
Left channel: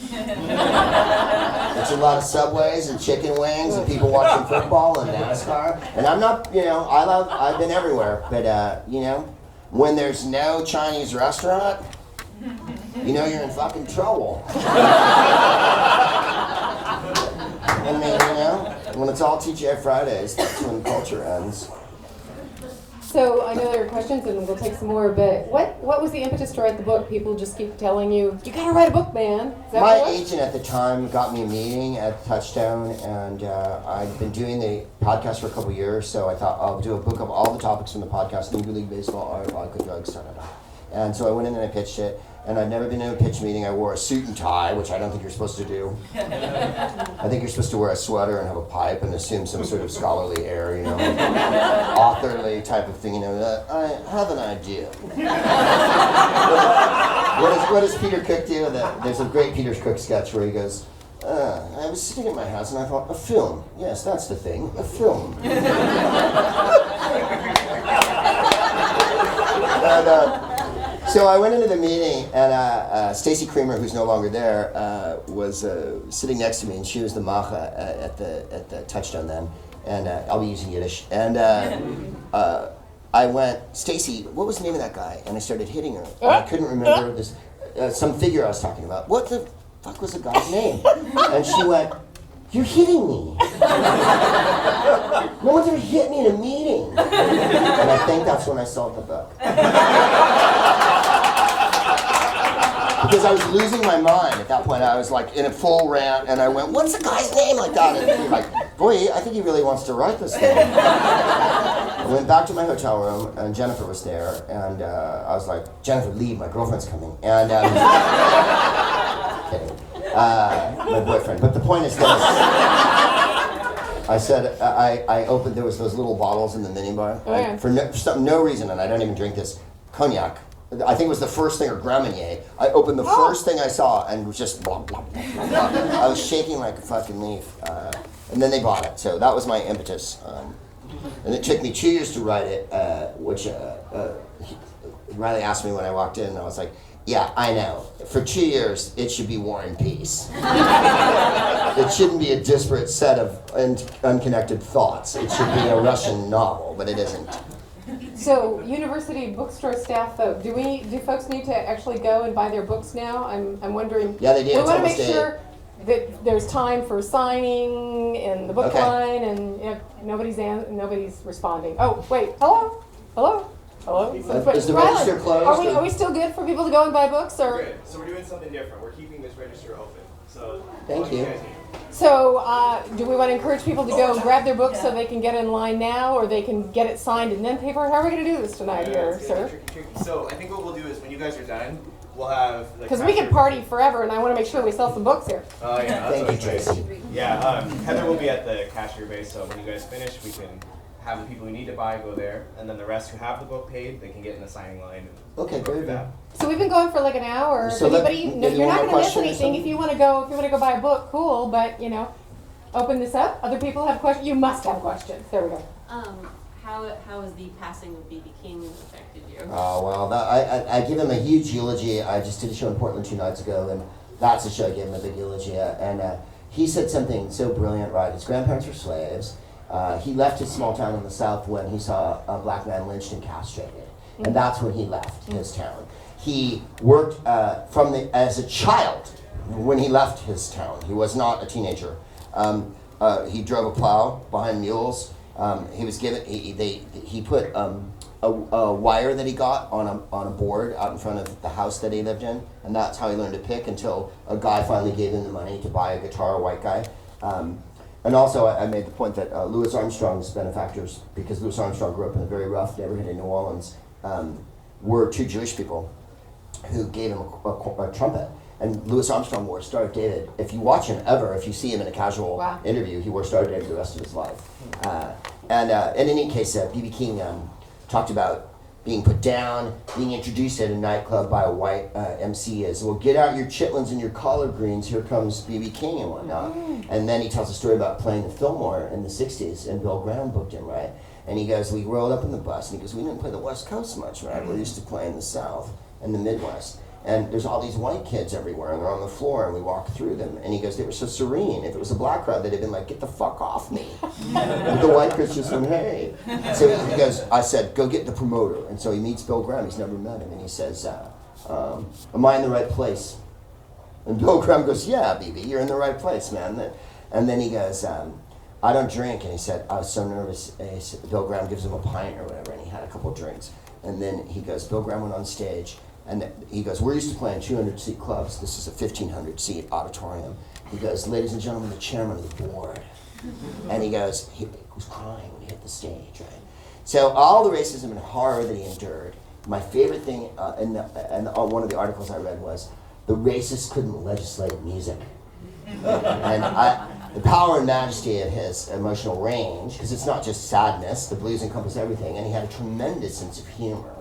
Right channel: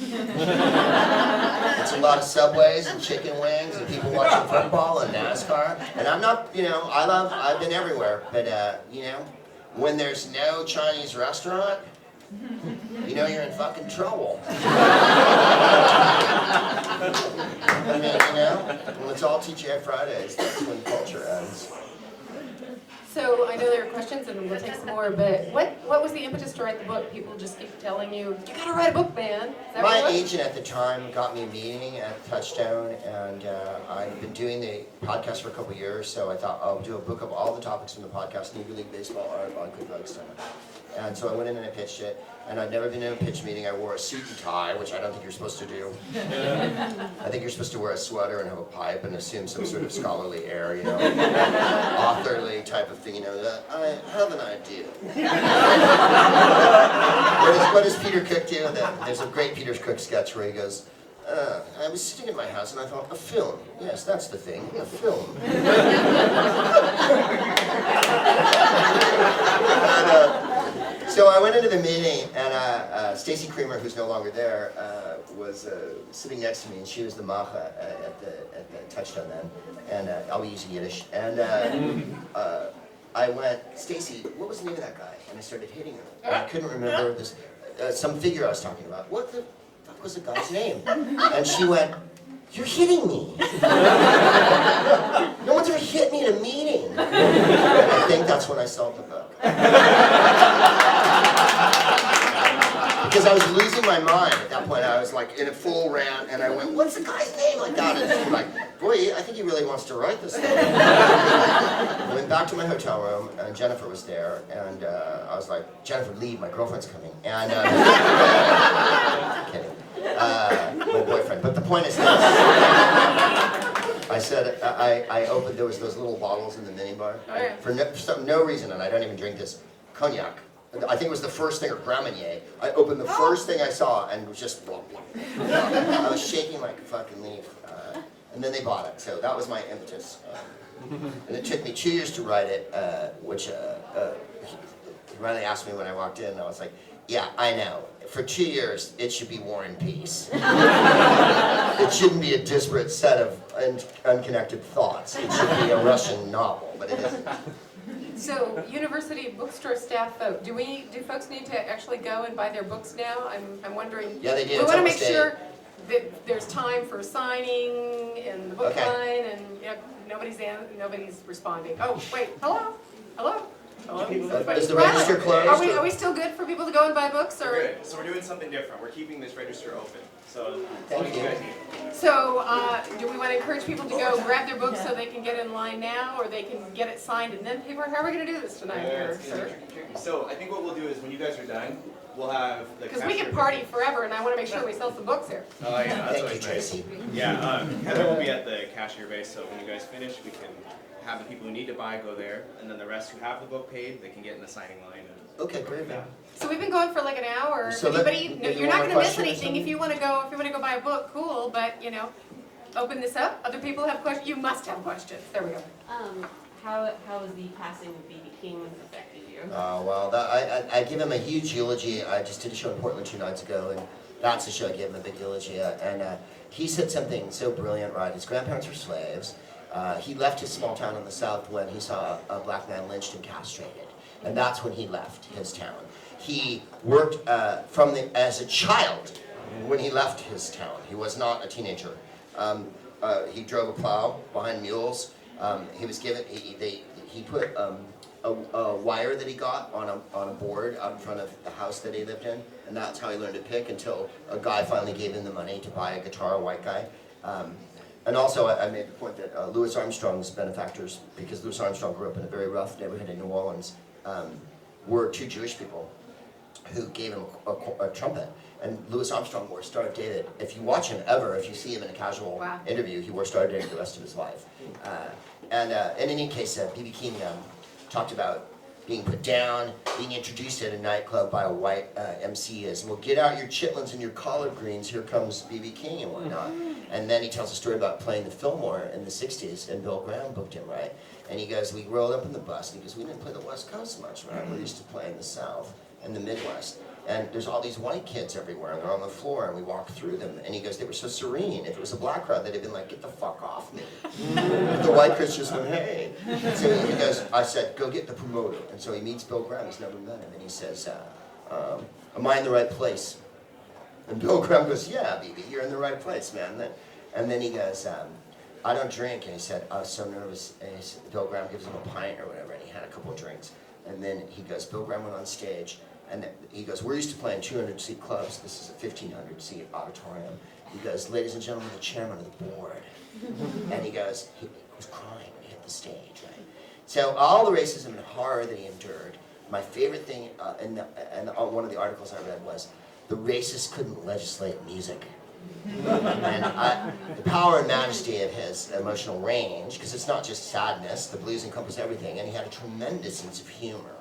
It's a lot of Subways and chicken wings and people watching football and NASCAR. And I'm not, I've been everywhere, but when there's no Chinese restaurant, you're in fucking trouble. I mean, when it's all TGI Fridays, that's when culture ends. So I know there are questions and we'll take some more, but what was the impetus to write the book? People just keep telling you gotta write a book, man. Is that My what it was? agent at the time got me a meeting at Touchdown, and I've been doing the podcast for a couple of years, so I thought I'll do a book of all the topics from the podcast, Negro League Baseball, art, vodka, drugs, and so I went in and I pitched it. And I'd never been in a pitch meeting. I wore a suit and tie, which I don't think you're supposed to do. I think you're supposed to wear a sweater and have a pipe and assume some sort of scholarly air, authorly type of thing. I have an idea. What does Peter Cook do? There's a great Peter Cook sketch where he goes, I was sitting at my house and I thought, a film. Yes, that's the thing, a film. So I went into the meeting, and Stacy Creamer, who's no longer there, was sitting next to me, and she was the macha at the Touchdown then, and I'll be using Yiddish. And I went, Stacy, what was the name of that guy? And I started hitting her. And I couldn't remember this, some figure I was talking about. What the fuck was the guy's name? And she went, you're hitting me. No one's ever hit me in a meeting. And I think that's when I sold the book. Because I was losing my mind at that point. I was like in a full rant, and I went, what's the guy's name like that? And like, boy, I think he really wants to write this thing. I went back to my hotel room, and Jennifer was there, and I was like, Jennifer, leave, my girlfriend's coming. And kidding. My boyfriend. But the point is this. I said, I opened, there was those little bottles in the minibar. Oh, yeah. For no reason, and I don't even drink this, cognac. I think it was the first thing, or Grand Marnier. I opened the first thing I saw and was just blah, blah, blah, blah. I was shaking like a fucking leaf. And then they bought it, so that was my impetus. And it took me 2 years to write it, which Riley asked me when I walked in, and I was like, yeah, I know. For 2 years, it should be War and Peace. It shouldn't be a disparate set of unconnected thoughts. It should be a Russian novel, but it isn't. So, university bookstore staff, though, do folks need to actually go and buy their books now? I'm wondering. Yeah, they do. We want to make sure that there's time for signing in the book line, and nobody's responding. Oh, wait, hello. Is the register closed? Are we still good for people to go and buy books, or? We're good. So we're doing something different. We're keeping this register open. So Thank you. guys need. So, do we want to encourage people to go and grab their books so they can get in line now, or they can get it signed and then pay for it? How are we going to do this tonight here, sir? So I think what we'll do is when you guys are done, we'll have the Because we can party forever, and I want to make sure we sell some books here. Oh yeah, that's Thank you, always nice. Tracy. Yeah, Heather will be at the cashier base, so when you guys finish, we can have the people who need to buy go there, and then the rest who have the book paid, they can get in the signing line. Okay, very good. So we've been going for like an hour. So Anybody, you you're want not a going to miss question or anything something? if you want to go buy a book. Cool, but open this up. Other people have questions. You must have questions. There we go. How has the passing of B.B. King affected you? Oh, well, I give him a huge eulogy. I just did a show in Portland 2 nights ago, and that's a show I gave him a big eulogy at. And he said something so brilliant, right? His grandparents were slaves. He left his small town in the South when he saw a black man lynched and castrated. And that's when he left his town. he worked as a child when he left his town. He was not a teenager. He drove a plow behind mules. He was given. He put a wire that he got on a board out in front of the house that he lived in, and that's how he learned to pick until a guy finally gave him the money to buy a guitar, a white guy. And also, I made the point that Louis Armstrong's benefactors, because Louis Armstrong grew up in a very rough neighborhood in New Orleans, were two Jewish people who gave him a trumpet. And Louis Armstrong wore Star of David. If you watch him ever, if you see him in a casual interview, he wore Star of David the rest of his life. And in any case, B.B. King talked about being put down, being introduced at a nightclub by a white MC as, well, get out your chitlins and your collard greens, here comes B.B. King and whatnot. And then he tells a story about playing the Fillmore in the 60s, and Bill Graham booked him, right? And he goes, we rolled up in the bus, and he goes, we didn't play the West Coast much, right? We used to play in the South and the Midwest. And there's all these white kids everywhere, and they're on the floor, and we walk through them. And he goes, they were so serene. If it was a black crowd, they'd have been like, get the fuck off me. And the white kids just went, hey. So he goes, I said, go get the promoter. And so he meets Bill Graham. He's never met him. And he says, am I in the right place? And Bill Graham goes, yeah, BB, you're in the right place, man. And then he goes, I don't drink. And he said, I was so nervous. And he said, Bill Graham gives him a pint or whatever, and he had a couple of drinks. And then he goes, Bill Graham went on stage. And he goes, we're used to playing 200-seat clubs. This is a 1,500-seat auditorium. He goes, ladies and gentlemen, the chairman of the board. And he goes, he was crying when he hit the stage, right? So all the racism and horror that he endured, my favorite thing, and one of the articles I read was, the racists couldn't legislate music. And the power and majesty of his emotional range, because it's not just sadness, the blues encompass everything, and he had a tremendous sense of humor.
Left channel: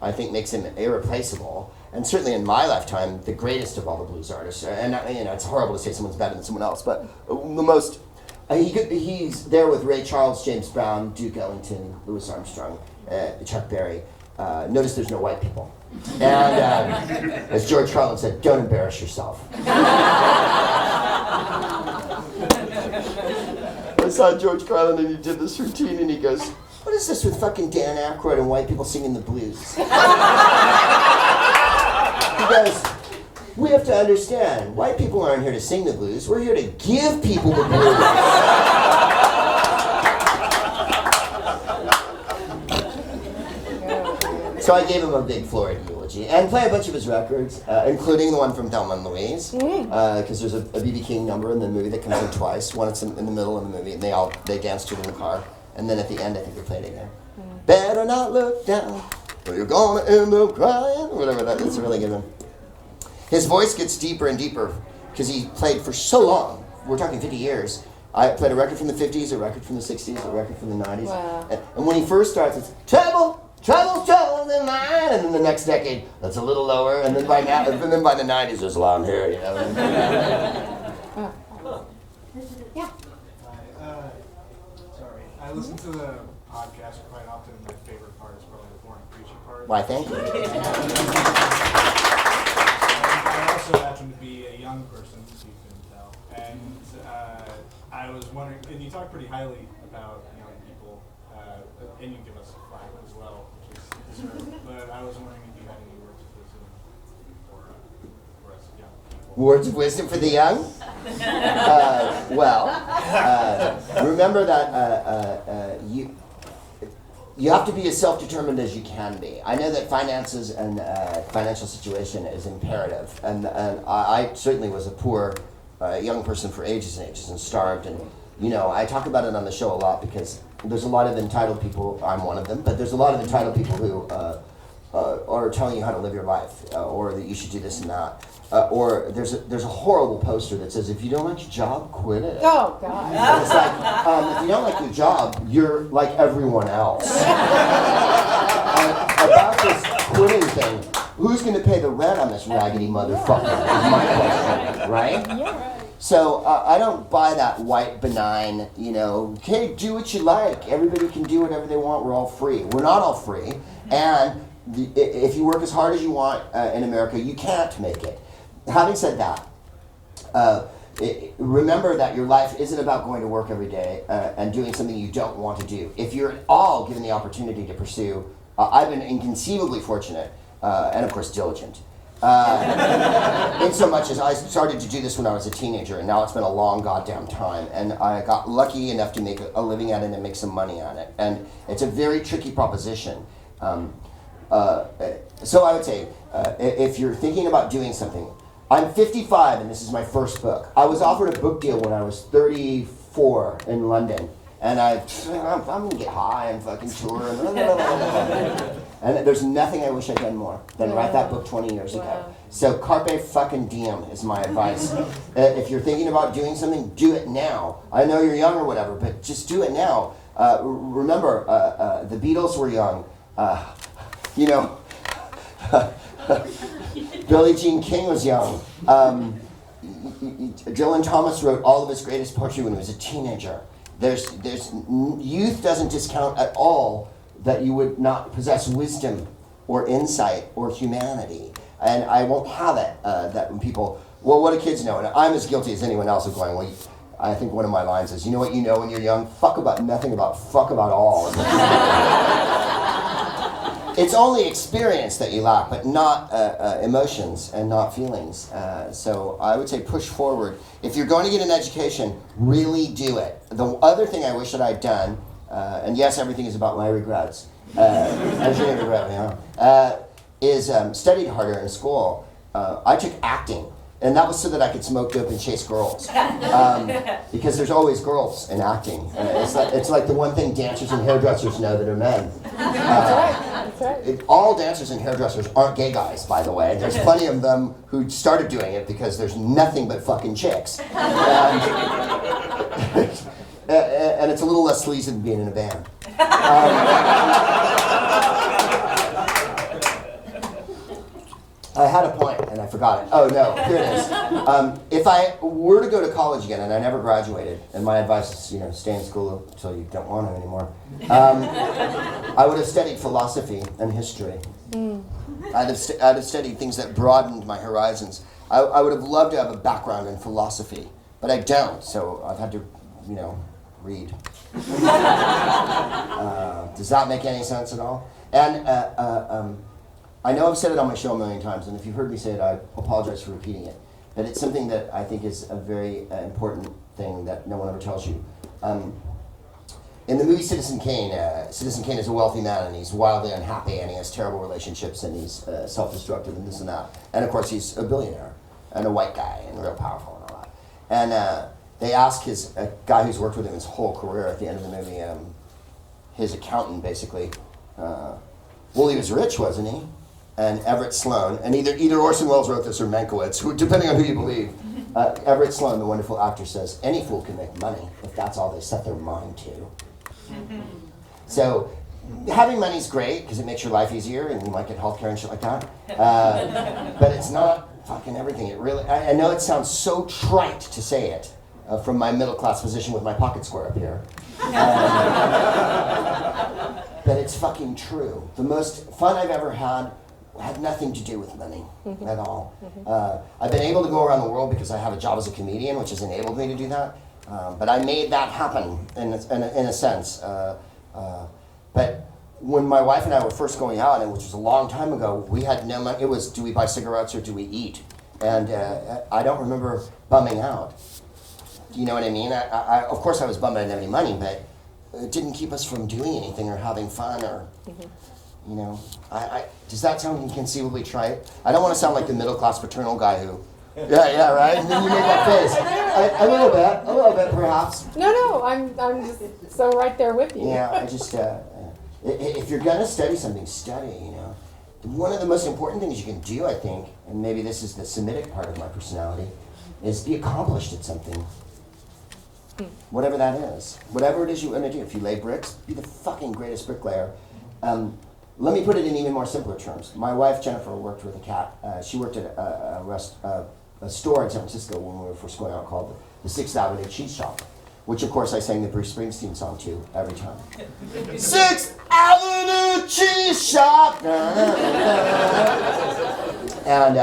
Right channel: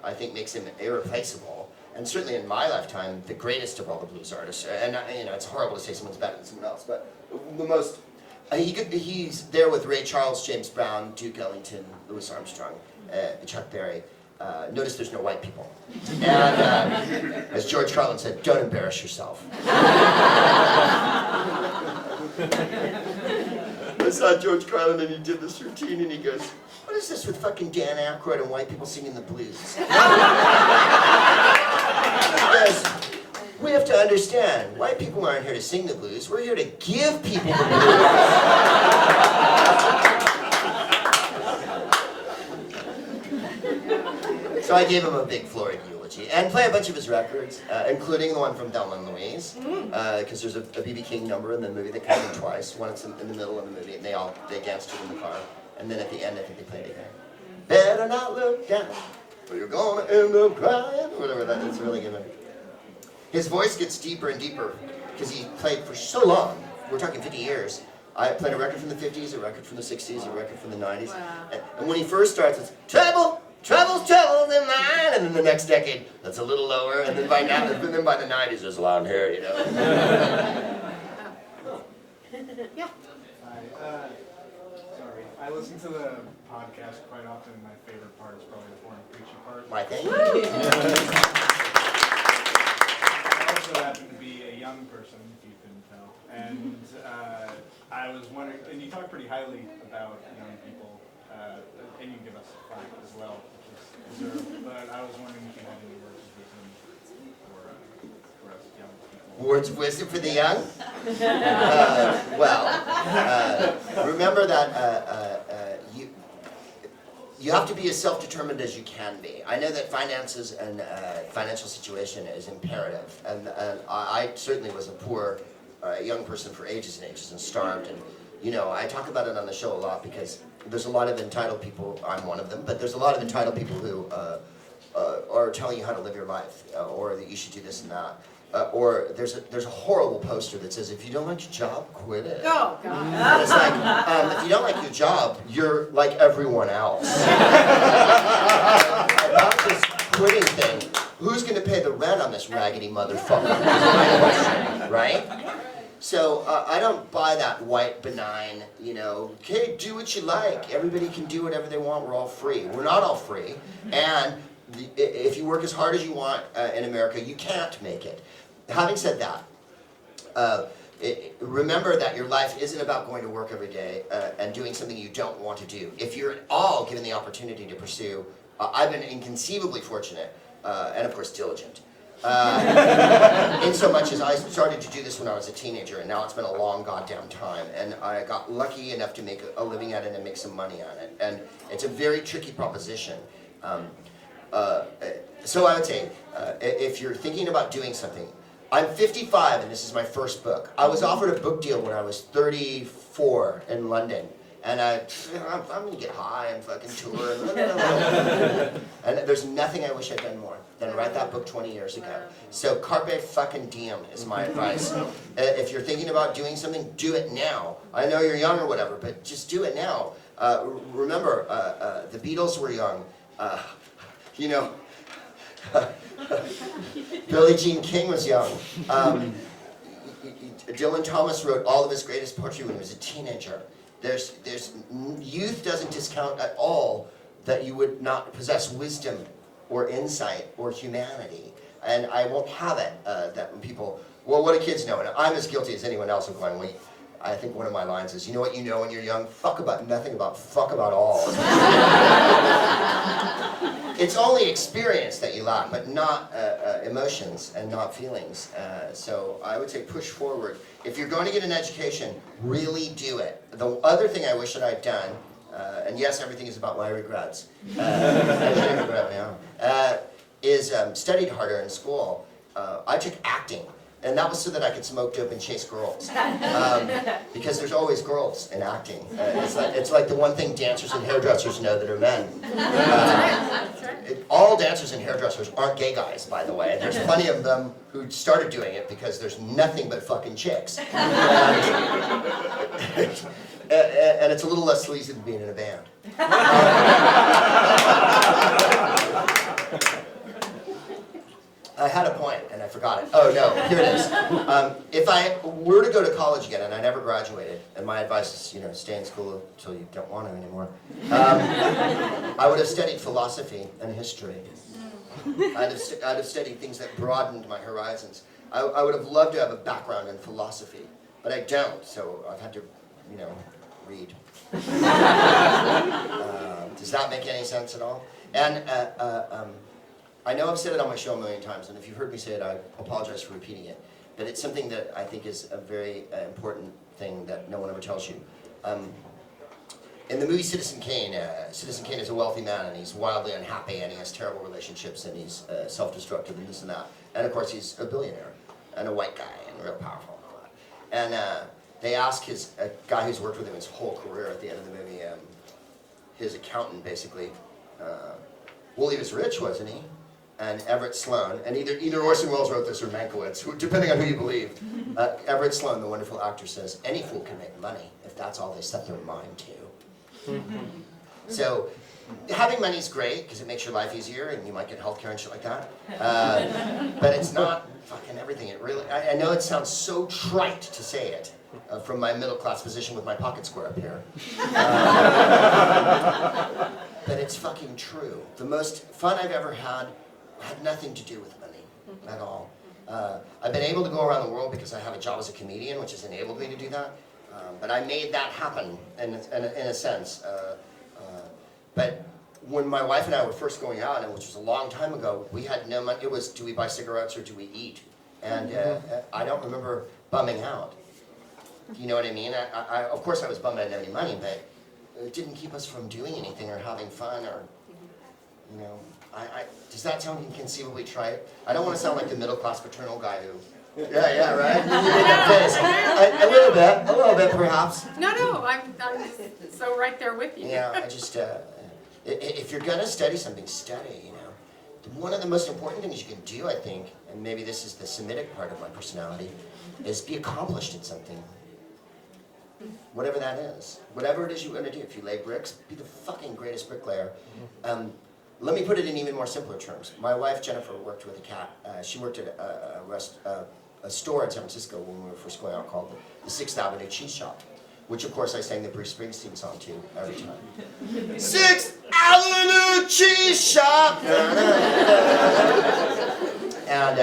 I think makes him irreplaceable, and certainly in my lifetime, the greatest of all the blues artists. And it's horrible to say someone's better than someone else, but the most, he's there with Ray Charles, James Brown, Duke Ellington, Louis Armstrong, Chuck Berry. Notice there's no white people. And as George Carlin said, don't embarrass yourself. I saw George Carlin and he did this routine and he goes, what is this with fucking Dan Aykroyd and white people singing the blues? He goes, we have to understand, white people aren't here to sing the blues, we're here to give people the blues. So I gave him a big florid eulogy and play a bunch of his records, including the one from Thelma and Louise, because there's a B.B. King number in the movie that comes in twice. One it's in the middle of the movie, and they dance to it in the car. And then at the end, I think they played it again. Better not look down, or you're gonna end up crying, or whatever that is. It's a really good one. His voice gets deeper and deeper, because he played for so long. We're talking 50 years. I played a record from the 50s, a record from the 60s, a record from the 90s. Wow. And when he first starts, it's trouble in mine, and then the next decade, that's a little lower, and then by the 90s, there's long hair, you know. Yeah. Sorry, I listen to the podcast quite often. My favorite part is probably the boring preaching part. Why, thank you. I also happen to be a young person, so you couldn't tell. And I was wondering, and you talk pretty highly about young people, and you give us a flack as well, which is deserved. But I was wondering if you had any words of wisdom for us young people. Words of wisdom for the young? Remember that you have to be as self-determined as you can be. I know that finances and financial situation is imperative, and I certainly was a poor young person for ages and ages and starved, and I talk about it on the show a lot because there's a lot of entitled people. I'm one of them, but there's a lot of entitled people who are telling you how to live your life, or that you should do this and that. Or there's a horrible poster that says, if you don't like your job, quit it. Oh, God. And it's like, if you don't like your job, you're like everyone else. About this quitting thing, who's going to pay the rent on this raggedy motherfucker? Right? So I don't buy that white, benign, okay, do what you like. Everybody can do whatever they want. We're all free. We're not all free. And if you work as hard as you want in America, you can't make it. Having said that, remember that your life isn't about going to work every day and doing something you don't want to do. If you're at all given the opportunity to pursue, I've been inconceivably fortunate and of course diligent. In so much as I started to do this when I was a teenager, and now it's been a long goddamn time, and I got lucky enough to make a living at it and make some money on it. And it's a very tricky proposition. So I would say, if you're thinking about doing something, I'm 55 and this is my first book. I was offered a book deal when I was 34 in London. And I'm gonna get high and fucking tour and blah, blah, blah. And there's nothing I wish I'd done more than write that book 20 years ago. So carpe fucking diem is my advice. If you're thinking about doing something, do it now. I know you're young or whatever, but just do it now. Remember, the Beatles were young. You know, Billie Jean King was young. Dylan Thomas wrote all of his greatest poetry when he was a teenager. There's youth doesn't discount at all that you would not possess wisdom or insight or humanity. And I won't have it that when people, well, what do kids know? And I'm as guilty as anyone else of going, well, I think one of my lines is, you know what you know when you're young? Fuck about nothing about fuck about all. It's only experience that you lack, but not emotions and not feelings. So I would say push forward. If you're going to get an education, really do it. The other thing I wish that I'd done, and yes, everything is about my regrets, is studied harder in school. I took acting. And that was so that I could smoke dope and chase girls. Because there's always girls in acting. It's like the one thing dancers and hairdressers know that are men. That's right. All dancers and hairdressers aren't gay guys, by the way. There's plenty of them who started doing it because there's nothing but fucking chicks. And it's a little less sleazy than being in a band. I had a point and I forgot it. Oh no, here it is. If I were to go to college again and I never graduated, and my advice is, stay in school until you don't want to anymore, I would have studied philosophy and history. I'd have studied things that broadened my horizons. I would have loved to have a background in philosophy, but I don't, so I've had to, read. Does that make any sense at all? And I know I've said it on my show a million times, and if you've heard me say it, I apologize for repeating it. But it's something that I think is a very important thing that no one ever tells you. In the movie Citizen Kane is a wealthy man, and he's wildly unhappy, and he has terrible relationships, and he's self-destructive, and this and that. And of course, he's a billionaire, and a white guy, and real powerful and all that. And they ask a guy who's worked with him his whole career at the end of the movie, his accountant basically, well, he was rich, wasn't he? And Everett Sloane, and either Orson Welles wrote this or Mankiewicz, depending on who you believe. Everett Sloane, the wonderful actor, says, any fool can make money if that's all they set their mind to. So having money's great because it makes your life easier and you might get healthcare and shit like that. But it's not fucking everything. It really, I know it sounds so trite to say it from my middle class position with my pocket square up here. But it's fucking true. The most fun I've ever had nothing to do with money at all. I've been able to go around the world because I have a job as a comedian, which has enabled me to do that. But I made that happen in a sense. But when my wife and I were first going out, and which was a long time ago, we had no money. It was, do we buy cigarettes or do we eat? And I don't remember bumming out. Do you know what I mean? I of course I was bummed I didn't have any money, but it didn't keep us from doing anything or having fun or, does that sound inconceivably trite? I don't want to sound like the middle-class paternal guy who, yeah, right? You made that face. A little bit perhaps. No, I'm just so right there with you. Yeah, I just, if you're gonna study something, study, One of the most important things you can do, I think, and maybe this is the Semitic part of my personality, is be accomplished at something. Whatever that is. Whatever it is you want to do. If you lay bricks, be the fucking greatest bricklayer. Let me put it in even more simpler terms. My wife, Jennifer, worked with a cat. She worked at a store in San Francisco when we were first going out called the 6th Avenue Cheese Shop, which, of course, I sang the Bruce Springsteen song to every time. 6th Avenue Cheese Shop! And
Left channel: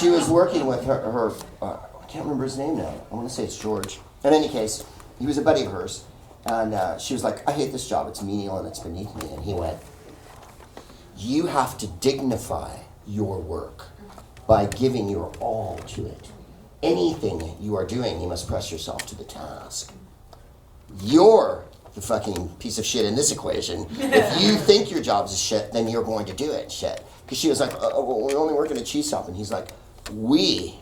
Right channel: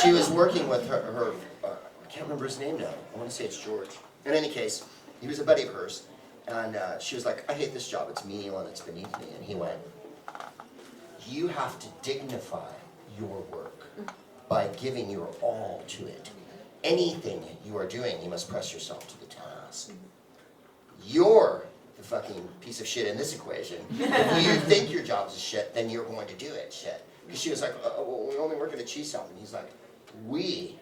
she was working with her I can't remember his name now. I want to say it's George. In any case, he was a buddy of hers. And she was like, I hate this job. It's menial and it's beneath me. And he went, you have to dignify your work by giving your all to it. Anything you are doing, you must press yourself to the task. You're the fucking piece of shit in this equation. If you think your job's a shit, then you're going to do it shit. Because she was like, oh, well, we only work in a cheese shop. And he's like, we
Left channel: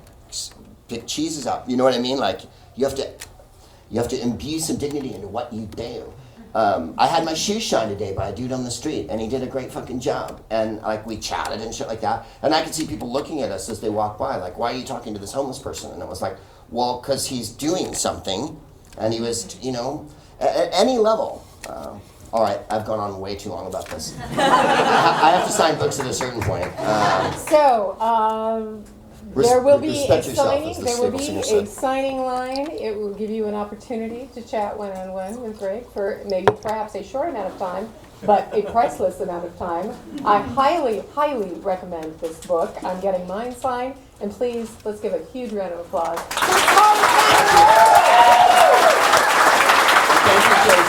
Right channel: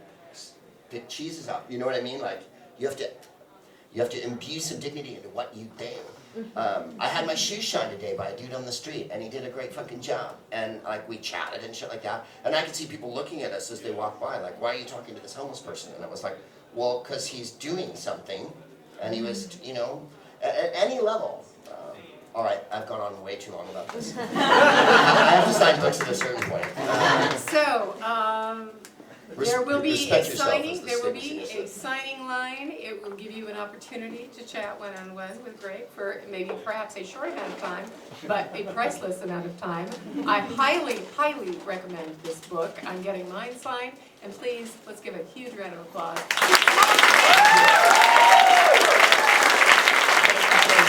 pick cheeses up. You know what I mean? Like, you have to imbue some dignity into what you do. I had my shoes shined today by a dude on the street, and he did a great fucking job. And like we chatted and shit like that. And I could see people looking at us as they walk by, like, why are you talking to this homeless person? And I was like, well, because he's doing something, and he was, you know, at any level. All right, I've gone on way too long about this. I have to sign books at a certain point. There will be a respect yourself, as signing. the There will stable be singer a said. signing line. It will give you an opportunity to chat one-on-one with Greg for maybe perhaps a short amount of time, but a priceless amount of time. I highly, highly recommend this book. I'm getting mine signed, and please, let's give a huge round of applause. Thank you, Tracy.